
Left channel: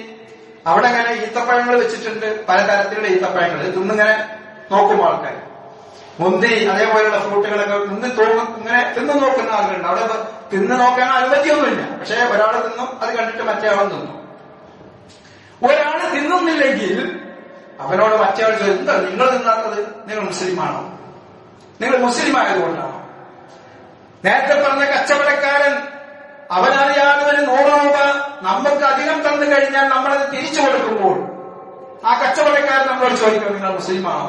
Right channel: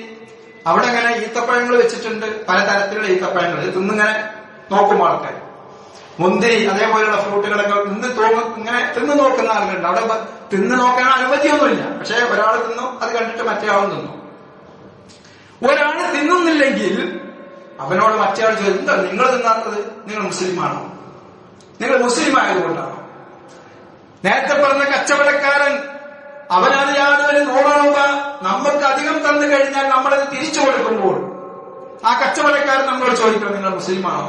അവിടെ ഇങ്ങനെ ഈത്തപ്പഴങ്ങൾ വെച്ചിട്ടുണ്ട്, പലതരത്തിലുള്ള ഈത്തപ്പഴങ്ങൾ തിന്നിങ്ങനെ നോക്കും ആൾക്കാർ. മുന്തിരി അതേപോലെയുള്ള ഫ്രൂട്ടുകളൊക്കെ ഇങ്ങനെ തിന്നു നോക്കുന്ന ആളുകളുണ്ട്. അവിടെ തിന്നു നോക്കാൻ അനുമതിയൊന്നുമില്ല. പക്ഷെ ഒരാൾ തിന്നും, അത് കണ്ടിട്ട് മറ്റേ ആളും തിന്നും. ഒരാൾ തിന്നുന്നില്ലെങ്കിൽ അവനോട് മറ്റേ ആൾ ചോദിക്കും, എന്താ നിങ്ങൾ തിന്നാത്തത്? നിങ്ങൾ മുസ്ലിമാണോ? നിങ്ങൾ മുസ്ലിം ആയതുകൊണ്ടാണോ? നേരത്തെ പറഞ്ഞ കച്ചവടക്കാരൻ അവനറിയാതെ ഒരു 100 രൂപ നമുക്ക് അധികം തന്നു കഴിഞ്ഞാൽ നമ്മളത് തിരിച്ചു കൊടുക്കുമ്പോൾ ആ കച്ചവടക്കാരൻ നമ്മളോട് ചോദിക്കണം, നിങ്ങൾ മുസ്ലിമാണോ?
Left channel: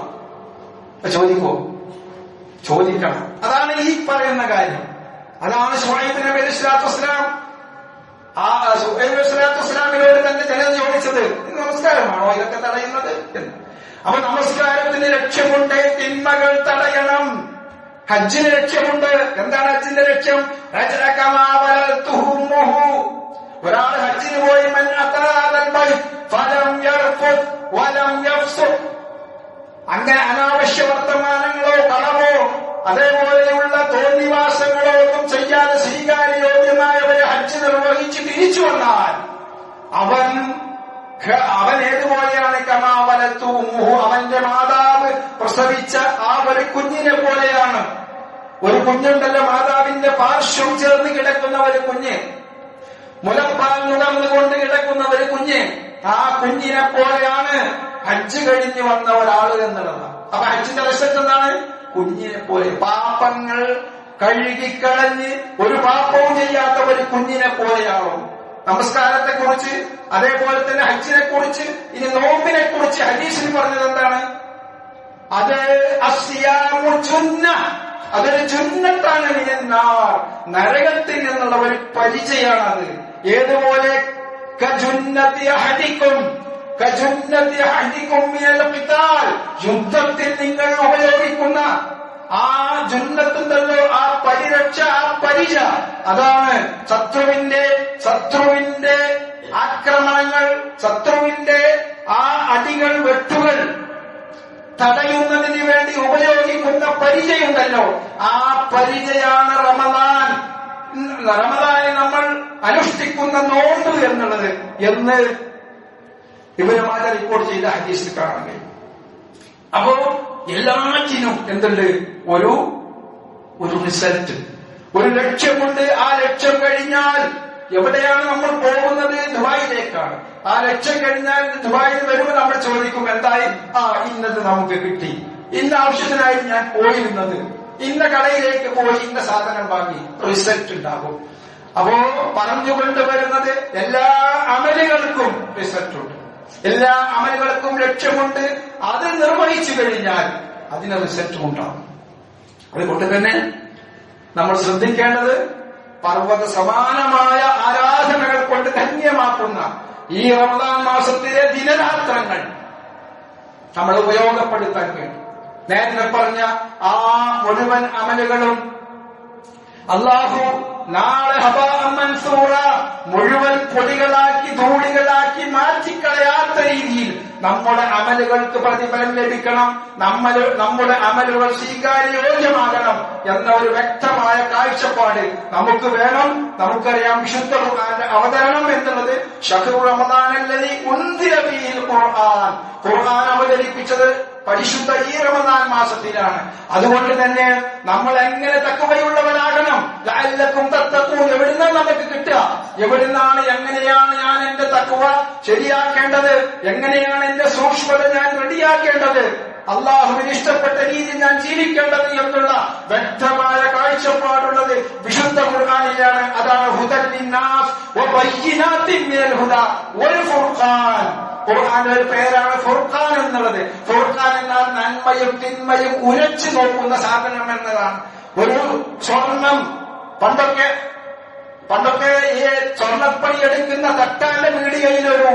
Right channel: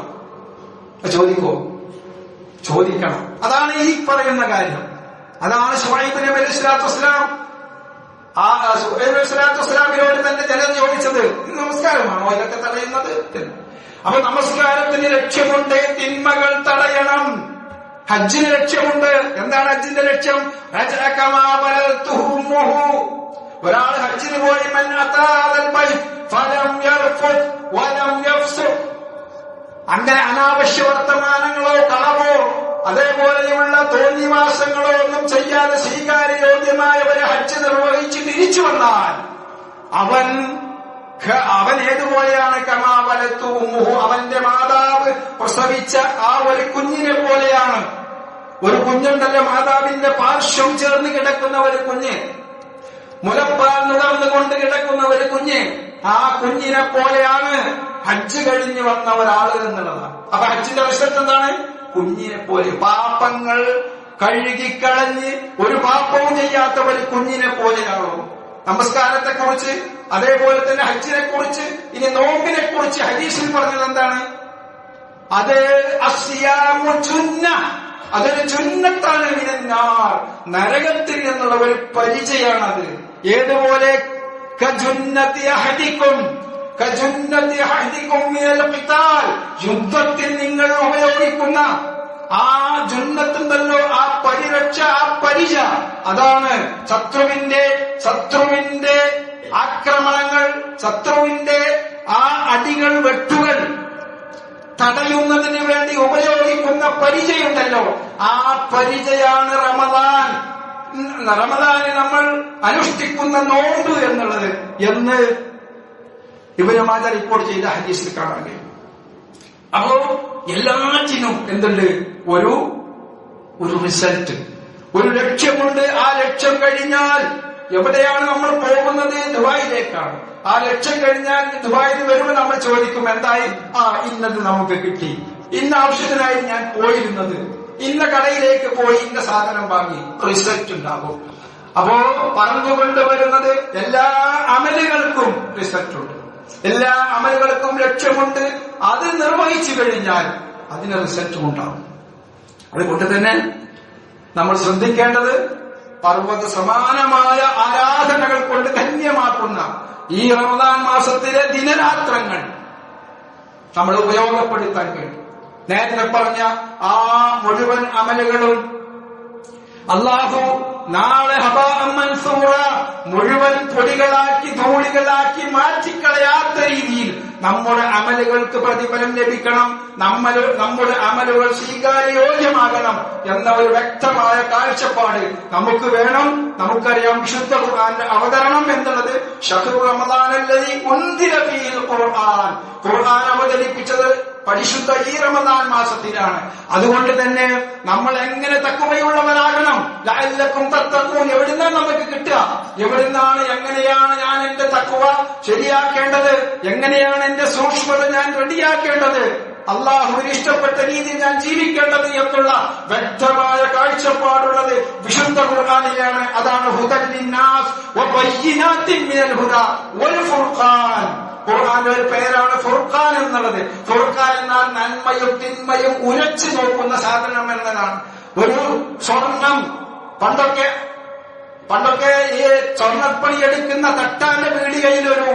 ചോദിക്കണം. അതാണ് ഈ പറയുന്ന കാര്യം. അതാണ് ശുഐബ് നബി അലൈഹിസ്സലാത്തു വസ്സലാം ശുഐബ് തന്റെ ജനത ചോദിച്ചത്, നമസ്കാരമാണോ ഇതൊക്കെ തടയുന്നത് എന്ന്. അപ്പൊ നമസ്കാരത്തിന് ലക്ഷ്യമുണ്ട്, തിന്മകൾ തടയണം. ഹജ്ജിന് ലക്ഷ്യമുണ്ട്. എന്താണ് ഹജ്ജിന്റെ ലക്ഷ്യം? ഒരാൾ ഹജ്ജിന് പോയി, അങ്ങനെ അനാവശ്യ വർത്തമാനങ്ങളോ കളവോ അതേപോലെയുള്ള തോന്നിവാസങ്ങളോ ഒന്നും ചെയ്യാതെ സ്വീകാര്യോഗ്യമായ ഒരു ഹജ്ജ് നിർവഹിച്ച് തിരിച്ചു വന്നാൽ അവൻ ഏതുപോലെയാണ്? കമാവലത്തുഹു, അവന്റെ മാതാവ് പ്രസവിച്ച ആ ഒരു കുഞ്ഞിനെ പോലെയാണ്. ഒരു കുഞ്ഞുണ്ടല്ലോ, മാതാവിന്റെ പാർശ്വം ചേർന്ന് കിടക്കുന്ന ഒരു കുഞ്ഞ്, മുലപ്പാൽ നുകർന്നുകൊണ്ട് കിടക്കുന്ന ഒരു കുഞ്ഞ്, ആ കുഞ്ഞിനെ പോലെയാണ് ഹജ്ജ് കഴിഞ്ഞ് വന്ന ഒരാള് എന്നുള്ളതാണ്. അപ്പൊ ഹജ്ജിന്റെ റിസൾട്ട് എന്താണ്? കുഞ്ഞിനെ പോലെ, പാപങ്ങൾ കഴുകിക്കളഞ്ഞ് ഒരു പാപവും ചെയ്യാത്ത ഒരു കുഞ്ഞിനെ പോലെയാണോ? നമസ്കാരത്തെ കുറിച്ച്, അതേപോലെ തന്നെ ഹജ്ജിനെ കുറിച്ച്, ഇനി നോമ്പിനെ കുറിച്ച് ഹദീസിൽ പറഞ്ഞത് എന്താണ്? അത് അസ്യാമു ജുന്ന, അതൊരു ജുന്നത്താണ് മിനന്നാർ, നരകത്തിൽ നിന്നുള്ള ഒരു പരിചയമാണത്. ഏതുപോലെ? കജുന്നതി അഹദിക്കും മിനൽ ഖിതാൽ, യുദ്ധത്തിൽ നിങ്ങൾ ഉപയോഗിക്കുന്ന ആ ജന്നത്തുണ്ടല്ലോ, ആ പരിരക്ഷ, ആ പരിച, അതാണ് ശത്രുവിന്റെ ആക്രമണങ്ങൾ, ശത്രുവിന്റെ ആ അടികൾ, വെട്ടുകൾ തടയുന്നതിന് വേണ്ടി ഉപയോഗിക്കുന്ന പരിചയുണ്ടല്ലോ, ആ പരിചയാണ് റമദാന് നമ്മൾ അനുഷ്ഠിക്കുന്ന നോമ്പ് എന്നുള്ളത് എന്ന് ഇബ്നു മാജ റിപ്പോർട്ട് ചെയ്ത ഹദീസിൽ കാണാൻ കഴിയും. അപ്പോ എല്ലാറ്റിനും എന്തുണ്ട്? ഒരു റിസൾട്ട്, ഒരു ലക്ഷ്യമുണ്ട്. ആ ലക്ഷ്യം കഴിഞ്ഞാൽ എവിടെയാണ് നമ്മൾ പോകുന്നത്? ദുബായിലേക്കാണ്. ആ ലക്ഷ്യം കഴിഞ്ഞാൽ ദുബായിൽ വരുമ്പോൾ നമ്മൾ ചോദിക്കും, എന്തായി? ഇന്നത് നമുക്ക് കിട്ടി, ഇന്ന ആവശ്യത്തിനായി ഞാൻ പോയിരുന്നത്, ഇന്ന കടയിലേക്ക് പോയി ഇന്ന സാധനം വാങ്ങി. റിസൾട്ട് ഉണ്ടാകും. അപ്പോ പറഞ്ഞുകൊണ്ട് വരുന്നത് എല്ലാ അമലുകൾക്കും റിസൾട്ട് ഉണ്ട്, എല്ലാ അമലുകൾക്കും ലക്ഷ്യമുണ്ട്. അത് നിർവഹിച്ചു കഴിഞ്ഞാൽ അതിന് റിസൾട്ടും ഉണ്ടാകും. അതുകൊണ്ട് തന്നെ നമ്മൾ ശ്രദ്ധിക്കേണ്ടത് പർവ്വത സമാനമായ ആരാധനകൾ കൊണ്ട് ധന്യമാക്കുന്ന ഈ റമദാൻ മാസത്തിലെ ദിനരാത്രങ്ങൾ നമ്മൾ ഉപയോഗപ്പെടുത്താൻ വേണ്ടി നേരത്തെ പറഞ്ഞ ആ മുഴുവൻ അമലുകളും അല്ലാഹു നാളെ ഹബാഅൻ മൻസൂറ മുഴുവൻ പൊടികളാക്കി ധൂളികളാക്കി മാറ്റിക്കളയാത്ത രീതിയിൽ നമ്മുടെ അമലുകൾക്ക് പ്രതിഫലം ലഭിക്കണം, നമ്മുടെ അമലുകൾ സ്വീകാര്യോഗ്യമാകണം എന്ന ഒരു വ്യക്തമായ കാഴ്ചപ്പാട് നമുക്ക് വേണം. നമുക്കറിയാം, വിശുദ്ധ ഖുർആന്റെ അവതരണം എന്നുള്ളത് ശഹ്റു റമദാനല്ലദീ ഉൻസില ഫീഹിൽ ഖുർആൻ, ഖുർആൻ അവതരിപ്പിച്ചത് പരിശുദ്ധ ഈ റമദാൻ മാസത്തിലാണ്. അതുകൊണ്ട് തന്നെ നമ്മൾ എങ്ങനെ തഖ്വയുള്ളവരാകണം? ലഅല്ലക്കും തത്തഖൂൻ. എവിടുന്നാണ് നമുക്ക് കിട്ടുക? എവിടുന്നാണ്, എങ്ങനെയാണ് ഞാൻ എന്റെ തഖ്വ ശരിയാക്കേണ്ടത്? എങ്ങനെയാണ് എന്റെ സൂക്ഷ്മത ഞാൻ റെഡിയാക്കേണ്ടത്? അള്ളാഹുവിന് ഇഷ്ടപ്പെട്ട രീതിയിൽ ഞാൻ ജീവിക്കേണ്ടത് എന്നുള്ള വ്യക്തമായ കാഴ്ചപ്പാടുള്ളത് വിശുദ്ധ ഖുർആനിലാണ്. അതാണ് ഹുദൻ ലിന്നാസ് വബയ്യിനാത്തിൻ മിനൽ ഹുദാ വൽ ഫുർഖാൻ. ഖുർആന്റെ ഒരു പേരാണ് ഫുർഖാൻ എന്നുള്ളത്. ഫുർഖാൻ എന്നാൽ നന്മയും തിന്മയും ഉരച്ചു നോക്കുന്ന സാധനം എന്നതാണ്. ഒരു സ്വർണം പണ്ടൊക്കെ ഈ സ്വർണ്ണപ്പണി എടുക്കുന്ന തട്ടാന്റെ പീടികയിലൊരു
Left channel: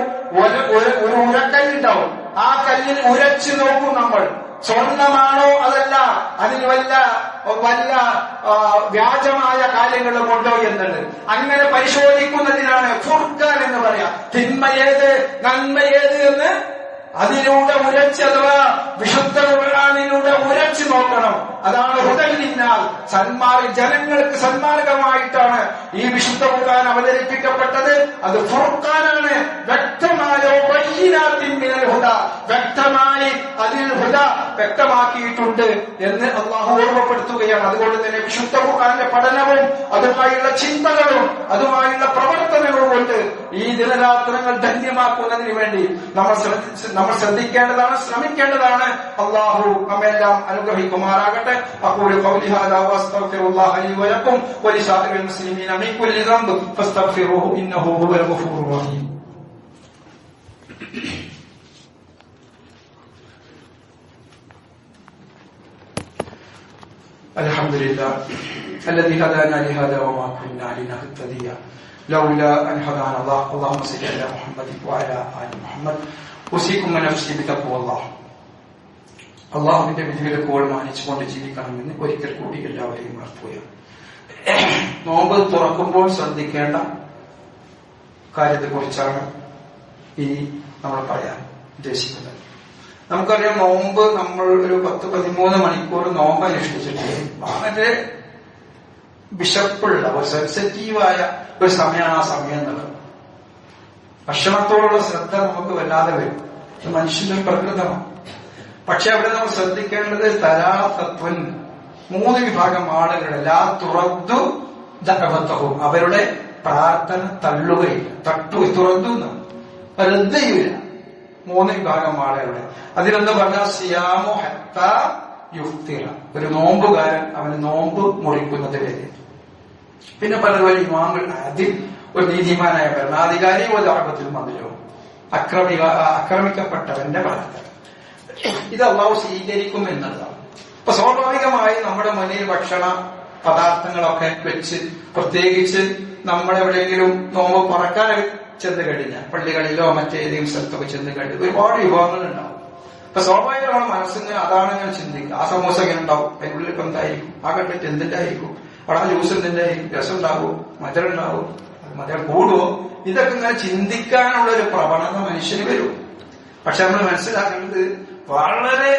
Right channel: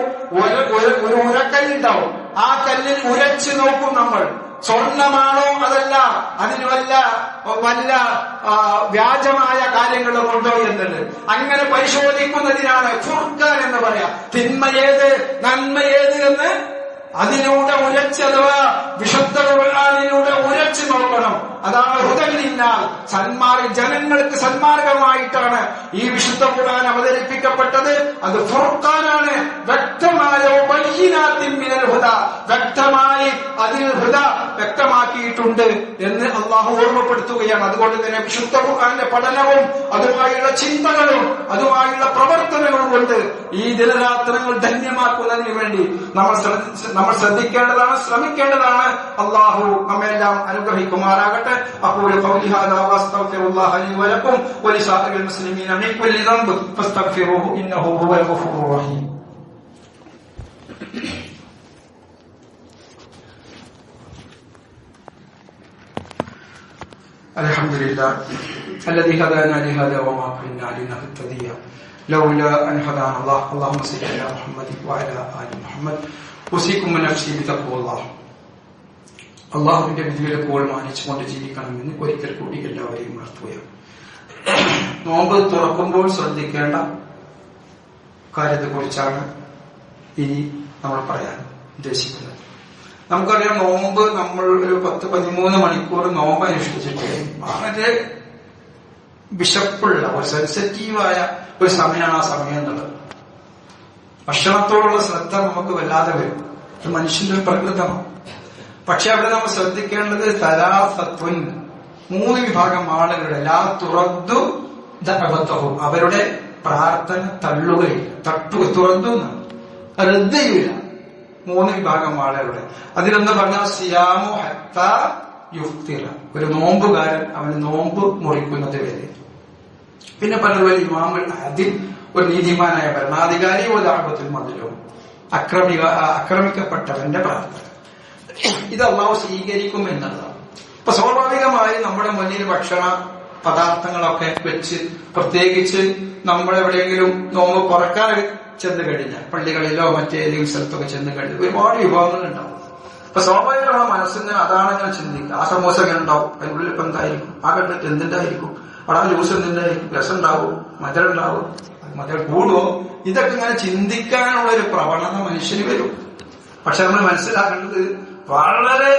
ഉരക്കല്ലുണ്ടാവും. ആ കല്ലിൽ ഉരച്ചു നോക്കും നമ്മൾ, സ്വർണമാണോ അതല്ല അതിന് വല്ല വ്യാജമായ കാര്യങ്ങളും ഉണ്ടോ എന്നുള്ളത്. അങ്ങനെ പരിശോധിക്കുന്നതിനാണ് ഫുർഖാൻ എന്ന് പറയാം. തിന്മയേത് നന്മയേത് എന്ന് അതിലൂടെ ഉരച്ച്, അഥവാ വിശുദ്ധ ഖുർആനിലൂടെ ഉരച്ചു നോക്കണം. അതാണ് ഹുദൻ ലിന്നാസ്, ജനങ്ങൾക്ക് സന്മാർഗമായിട്ടാണ് ഈ വിശുദ്ധ ഖുർആൻ അവതരിപ്പിക്കപ്പെട്ടത്. അത് ഫുർഖാനാണ്. വ്യക്തമായ ബയ്യിനാത്തിൻ മിനൽ ഹുദാ, വ്യക്തമായി അതിൽ ഹുദ വ്യക്തമാക്കിയിട്ടുണ്ട് എന്ന് അള്ളാഹു ഓർമ്മപ്പെടുത്തുകയാണ്. അതുകൊണ്ട് തന്നെ വിശുദ്ധ ഖുർആന്റെ പഠനവും അതുമായുള്ള ചിന്തകളും അതുമായുള്ള പ്രവർത്തനങ്ങളും കൊണ്ട് ഈ ദിനരാത്രങ്ങൾ ധന്യമാക്കുന്നതിന് വേണ്ടി നമ്മൾ ശ്രദ്ധിക്കേണ്ടതാണ്, ശ്രമിക്കേണ്ടതാണ്. അള്ളാഹു നമ്മെല്ലാം അനുഗ്രഹിക്കുമാറാകട്ടെ. أقول قولي هذا وأستغفر الله لي ولكم ولسائر المسلمين من كل ذنب فاستغفروه إنه هو الغفور الرحيم. الحمد لله الذي هدانا لهذا وما كنا لنهتدي لولا أن هدانا الله. اللهم صل على محمد وعلى آل محمد. أوصيكم ونفسي بتقوى الله. അള്ളാഹുവിന്റെ വിധിവിലക്കുകൾ മാനിച്ചുകൊണ്ട് ജീവിക്കണമെന്ന് ഒരിക്കൽ കൂടി എല്ലാവരെയും ഉണർത്തുകയാണ്. നോമ്പ് തുറക്കുമ്പോൾ ശ്രദ്ധിക്കേണ്ട കാര്യത്തെക്കുറിച്ചാണ് ഇനി നമ്മൾ പറയാൻ ഉദ്ദേശിക്കുന്നത്. നമുക്കറിയാം, നോമ്പ് നമ്മൾ ഒരു 10-13 മണിക്കൂർ നോമ്പ് അനുഷ്ഠിച്ചിട്ട് വളരെ വിശപ്പുള്ള ഒരു സെൻസിറ്റീവായ ഒരു സമയമാണ് ആ സമയം എന്നുള്ളത്. ഭക്ഷണത്തോടുള്ള ശ്രദ്ധ നമുക്ക് വല്ലാതെ വരും. ഇത് മനുഷ്യന്റെ പ്രകൃതമാണ്. പക്ഷെ അവിടെ നമ്മൾ ശ്രദ്ധിക്കേണ്ടത് തലാസത്വൻ, 3 വിഭാഗം ആളുകളുടെ ലാ തുറദ്ദു ദഅവത്തുഹും, അവരുടെ പ്രാർത്ഥന തള്ളുകയില്ല, തുറന്നു റദ്ദ് ചെയ്യില്ല. 3 വിഭാഗം ആളുകളുടെ. അതിലൊന്ന് പറഞ്ഞാൽ സിയാമു ഹത്താ യുഫ്തിറ, ഒരു നോമ്പുകാരൻ അവന് നോമ്പ് മുറിക്കുന്നത് വരെ. പിന്നെ പലതുപോലെ ഇമാമുൽ അതിൽ, ഒരു നീതിമാനായ ഭരണാധികാരി, ഒരാപത്തിൽ മതിലോ ആക്രമിക്കപ്പെട്ടവന്റെ പ്രാർത്ഥന. ഇത് അള്ളാഹു സ്വീകരിക്കും എന്നുള്ളതാണ്. ഇപ്പൊ സ്വാഭാവികമായി നമ്മുടെ മുന്നിൽ ഭക്ഷണ പദാർത്ഥങ്ങളൊക്കെ വെച്ച്, പ്രത്യേകിച്ച് നമ്മളെവിടെയെങ്കിലും നോമ്പ് പറക്കാൻ ചെന്ന് കഴിഞ്ഞാൽ, പള്ളികളിലോ മറ്റേതെങ്കിലും സ്ഥലത്തൊക്കെ ചെന്ന് കഴിഞ്ഞാൽ ഒരുപാട് വിഭവങ്ങൾ ഉണ്ടാവും. ഇപ്പൊ സ്വാഭാവികമായ മനസ്സിങ്ങനെ അതാണ് ഞാൻ ചിന്തിക്കുക. ആ സമോസ എങ്ങനെ ഉണ്ടാവും, അതിനുള്ളിൽ ഇപ്പൊ എന്തായിരിക്കും, ആ കണ്ടിട്ട് എന്തിന്റെ ആയിരിക്കും, അവിടെ ആ ജ്യൂസ് എന്തിന്റെ ആയിരിക്കും, രസം ഉണ്ടാവും, മധുരം ഉണ്ടാവും, മധുരം കൂടുവോ, ഇതൊക്കെ ഇങ്ങനെ ചിന്തിക്കാനുള്ള ഒരു പ്രവണത മനുഷ്യന് വരും. പക്ഷെ നമ്മൾ മനസ്സിലാക്കേണ്ടത് വളരെ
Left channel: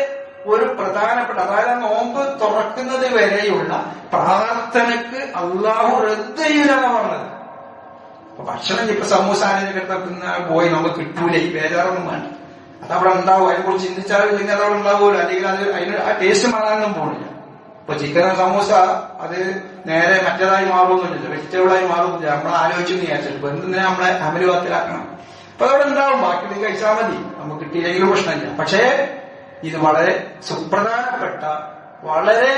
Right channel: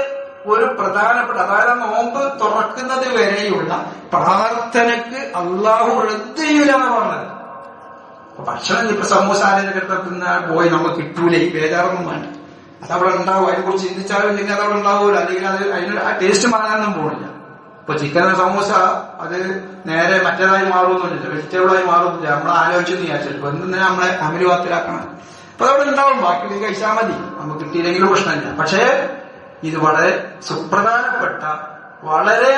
ഒരു പ്രധാനപ്പെട്ട, അതായത് നോമ്പ് തുറക്കുന്നത് വരെയുള്ള പ്രാർത്ഥനക്ക് അള്ളാഹു റദ്ദ് ചെയ്യൂല എന്നാണ് പറഞ്ഞത്. അപ്പൊ ഭക്ഷണം ഇപ്പൊ സമൂസ ആരെയൊക്കെ പോയി നമുക്ക് കിട്ടൂലേ, ബേജാറൊന്നും വേണ്ട, അതവിടെ ഉണ്ടാവും. അതിനെ കുറിച്ച് ചിന്തിച്ചാലും ഇല്ലെങ്കിൽ അതവിടെ ഉണ്ടാവൂല, അല്ലെങ്കിൽ അത് അതിന് ആ ടേസ്റ്റ് മാറാനൊന്നും പോണില്ല. ഇപ്പൊ ചിക്കൻ സമൂസ അത് നേരെ മറ്റേതായി മാറുമൊന്നുമില്ല, വെജിറ്റബിളായി മാറുന്നില്ല. നമ്മൾ ആലോചിച്ചെന്ന് വിചാരിച്ചിട്ട് എന്തിനാ നമ്മളെ അമലുവാത്തിലാക്കണം. അപ്പൊ അതവിടെ ഉണ്ടാവും, ബാക്കി കഴിച്ചാൽ മതി, നമുക്ക് കിട്ടിയില്ലെങ്കിലും പ്രശ്നമില്ല. പക്ഷേ ഇത് വളരെ സുപ്രധാനപ്പെട്ട, വളരെ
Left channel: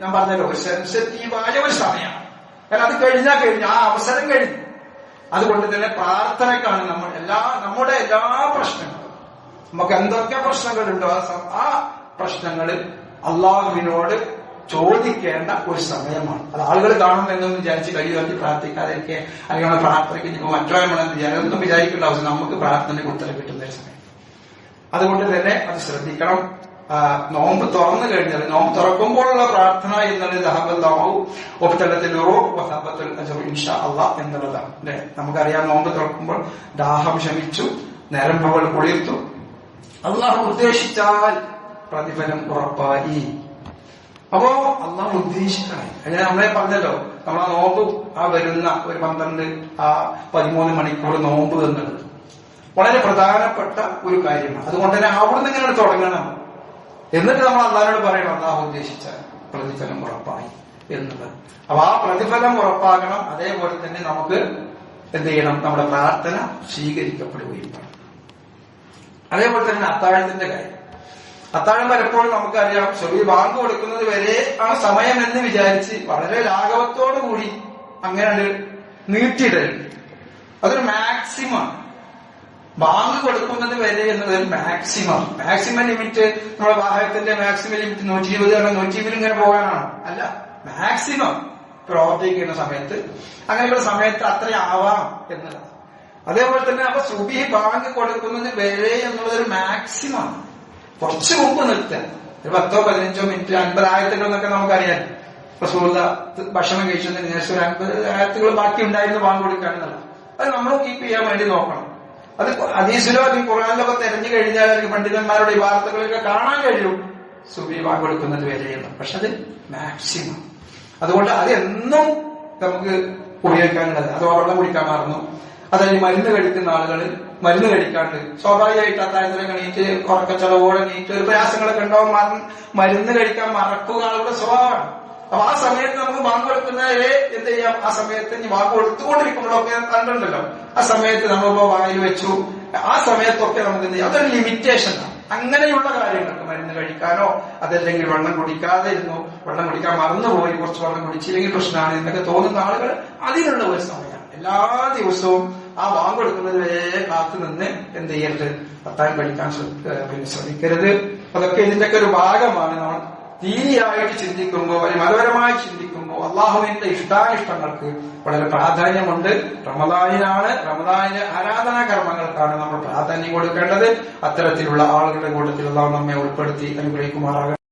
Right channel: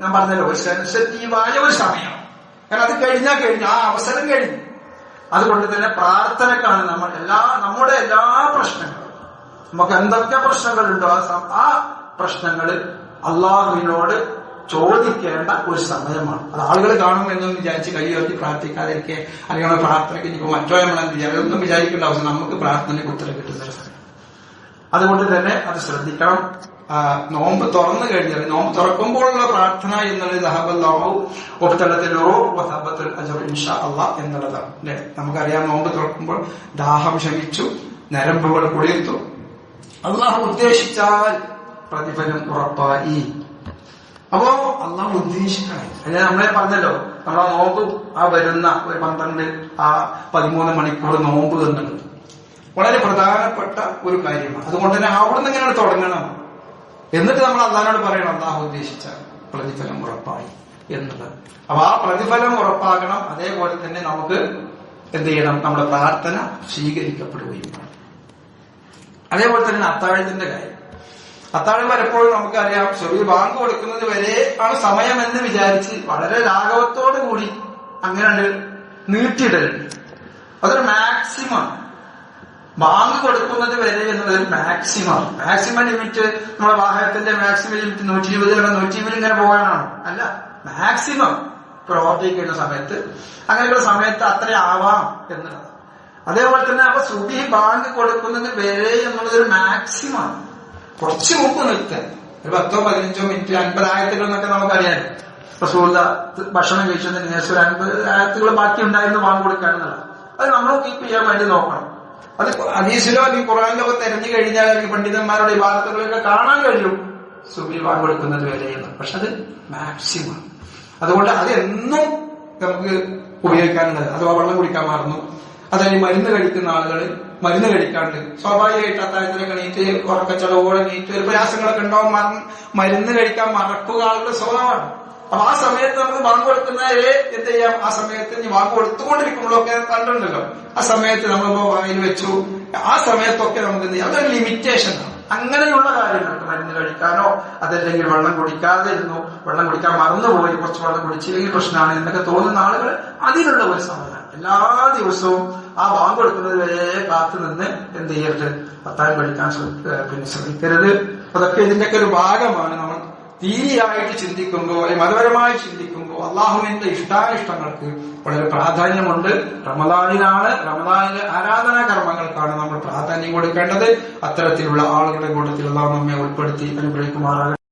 ഞാൻ പറഞ്ഞല്ലോ ഒരു സെൻസിറ്റീവായ ഒരു സമയമാണ്. കാരണം അത് കഴിഞ്ഞാൽ ആ അവസരം കഴിഞ്ഞു. അതുകൊണ്ട് തന്നെ പ്രാർത്ഥനക്കാണ് നമ്മുടെ എല്ലാ പ്രശ്നങ്ങളും, നമുക്ക് എന്തൊക്കെ പ്രശ്നങ്ങളുണ്ടോ ആ പ്രശ്നങ്ങൾ അള്ളാഹുവിനോട് ചോദിക്കേണ്ട ഒരു സമയമാണ്. അത് ആളുകൾ കാണും എന്നൊന്നും വിചാരിച്ച് കൈ ഉയർത്തി പ്രാർത്ഥിക്കാതിരിക്കുക, അല്ലെങ്കിൽ പ്രാർത്ഥനയ്ക്ക് ഇനിയിപ്പോ മറ്റോ നമ്മളെന്ന് ഒന്നും വിചാരിക്കേണ്ട ആവശ്യം, നമുക്ക് പ്രാർത്ഥനയ്ക്ക് ഉത്തരം കിട്ടുന്ന ഒരു സമയം. അതുകൊണ്ട് തന്നെ അത് ശ്രദ്ധിക്കണം. നോമ്പ് തുറന്നു കഴിഞ്ഞാൽ, നോമ്പ് തുറക്കുമ്പോഴുള്ള പ്രാർത്ഥന എന്നുള്ളത് എന്നുള്ളതാണ് അല്ലെ. നമുക്കറിയാം, നോമ്പ് തുറക്കുമ്പോൾ ദാഹം ശമിച്ചു, നരമ്പുകൾ കുളിർത്തു, അള്ളാഹു ഉദ്ദേശിച്ചാൽ പ്രതിഫലം ഉറപ്പായി. അപ്പോ അള്ളാഹു ഉദ്ദേശിക്കണം. ഞാൻ നമ്മളെ പറഞ്ഞല്ലോ, നമ്മളാ നോമ്പ് വരുന്ന ഒരു 13 മണിക്കൂർ നോമ്പ് എന്നുള്ളത് വളരെ പ്രധാനപ്പെട്ട ഒരു കാര്യമാണ്. അതുകൊണ്ട് തന്നെ അവിടുന്ന് ഇങ്ങനെ തുടങ്ങണം. എന്നിട്ട് നമ്മൾ അള്ളാഹിനോട് പറയണം, അള്ളാഹു ഉദ്ദേശിച്ച പ്രതിഫലം ഉറപ്പായി എന്നുള്ളത്. അപ്പൊ ആ പ്രതിഫലം ഉറപ്പാക്കണം. അതേപോലെ തന്നെ നമുക്ക് എന്ത് ചെയ്യണം, നമ്മുടെ പ്രാർത്ഥന സ്വീകരിക്കപ്പെടുകയും വേണം. അതേപോലെ തന്നെ അത്താഴത്തിന്റെ കാര്യം. അത്താഴം പലപ്പോഴും നമുക്കറിയാം, ചെറിയ ബാങ്ക് കൊടുക്കുന്നത് വരെ ആ സമയം എന്ന് വിചാരിച്ച് വളരെ ലാഘവത്തോടു കൂടി അങ്ങനെ നീട്ടിയിടലുണ്ട്. അതൊരു മാക്സിമം. ബാങ്ക് കൊടുക്കുന്നത് വരെ എന്നുള്ളത് മാക്സിമം ലിമിറ്റ്. നമ്മുടെ വാഹനത്തിന്റെ മാക്സിമം ലിമിറ്റ് 120 120 ഇങ്ങനെ പോകാനാണോ? അല്ല, മാക്സിമം പ്രവർത്തിക്കുന്ന സമയത്ത്, അങ്ങനെയുള്ള സമയത്ത് അത്ര ആവാം എന്നുള്ളത്. അതേപോലെ തന്നെ അപ്പൊ സുബഹി ബാങ്ക് കൊടുക്കുന്നത് വരെ എന്നുള്ളതൊരു മാക്സിമം. കുറച്ച് മുമ്പ് നിർത്തുക, ഒരു 10-15 മിനിറ്റ്, 50 ആയത്തുകൾ എന്നൊക്കെ നമുക്കറിയാം. റസൂലുള്ളാ ഭക്ഷണം കഴിച്ചതിന് ശേഷം ഒരു 50 ആയത്തുകൾ ബാക്കി ഉണ്ടായിരുന്നു ബാങ്ക് കൊടുക്കുക എന്നുള്ളത്. അത് നമ്മൾ കീപ്പ് ചെയ്യാൻ വേണ്ടി നോക്കണം. അത് ഹദീസിലോ അല്ലെങ്കിൽ ഖുർആനിലോ തെരഞ്ഞു കഴിഞ്ഞാൽ അല്ലെങ്കിൽ പണ്ഡിതന്മാരുടെ ഈ വാർത്തകളൊക്കെ കാണാൻ കഴിയും സുബഹി ബാങ്ക് കൊടുക്കുന്നത് വരെയെന്ന്. പക്ഷെ അത് മാക്സിമം. അതുകൊണ്ട് അത് എന്നും നമുക്ക് ഉപയോഗിക്കാനുള്ളത്. അഥവാ വെള്ളം കുടിക്കാൻ മറന്നു, അതായത് മരുന്ന് കഴിക്കുന്ന ആളുകൾ മരുന്ന് കഴിക്കാണ്ട് സ്വാഭാവികമായിട്ട് അത്താഴത്തിനൊക്കെ നീറ്റ് ഉറക്കച്ചടവോടെ നീറ്റ് പ്രയാസങ്ങളൊക്കെ ഉണ്ടാവും. മരുന്ന് കഴിക്കാൻ മറക്കുക ആളുടെ സ്വഭാവമാണ്. അപ്പൊ ആ സമയത്ത് നമുക്ക് ബാങ്ക് കൊടുക്കുന്നവരെ എന്ത് ചെയ്യാം, ആ സമയത്ത് ഇനി ബാങ്ക് കൊടുത്തുകൊണ്ടിരിക്കുമ്പോഴൊക്കെ കണ്ടിട്ടുണ്ടല്ലോ, ആ സമയത്ത് നമ്മളിപ്പോ വായിൽ വെച്ചു, ആ സമയത്തൊക്കെ നമുക്ക് എന്ത് ചെയ്യാം, അതൊരു ലിമിറ്റേഷനാണ്. അങ്ങനെയുള്ള കാര്യങ്ങൾക്ക് മരുന്ന് കഴിക്കാനോ അതല്ലെങ്കിൽ വെള്ളം കുടിക്കാതെ ഇരുന്നു, വെള്ളം കുടിക്കാൻ മറന്നുപോയി, കുറച്ച് വെള്ളം കുടിച്ചില്ലെങ്കിൽ പ്രശ്നമാണ് എന്നൊക്കെ തോന്നുന്ന ആളുകൾ അതിനുള്ള ഒരു സമയമാണ്. എല്ലാ ദിവസവും ആ ബാങ്ക് കൊടുക്കുന്നത് വരെ കാത്തു നിന്ന് എന്ത് ചെയ്യരുത്, അത്താഴം കഴിക്കാൻ ശ്രമിക്കരുത്. അതൊക്കെ ഇതിന്റെയൊക്കെ ഒരു ഭാഗമാണ്. നമ്മൾ ദീനിയായിട്ട് ചിന്തിക്കുമ്പോൾ, മതപരമായി ചിന്തിക്കുമ്പോൾ അള്ളാഹുവിന്റെ ഇഷ്ടാനിഷ്ടങ്ങൾക്ക് വളരെ പ്രാധാന്യമുണ്ട്. റമദാനിലെ ആരാധനാ കർമ്മങ്ങൾക്കാണ് നമ്മൾ പ്രാധാന്യം കൊടുക്കേണ്ടത്. അത്തരത്തിലുള്ള ആളുകളുടെ കൂട്ടത്തിൽ അള്ളാഹു നമ്മെ ഉൾപ്പെടുത്തി അനുഗ്രഹിക്കുമാറാകട്ടെ.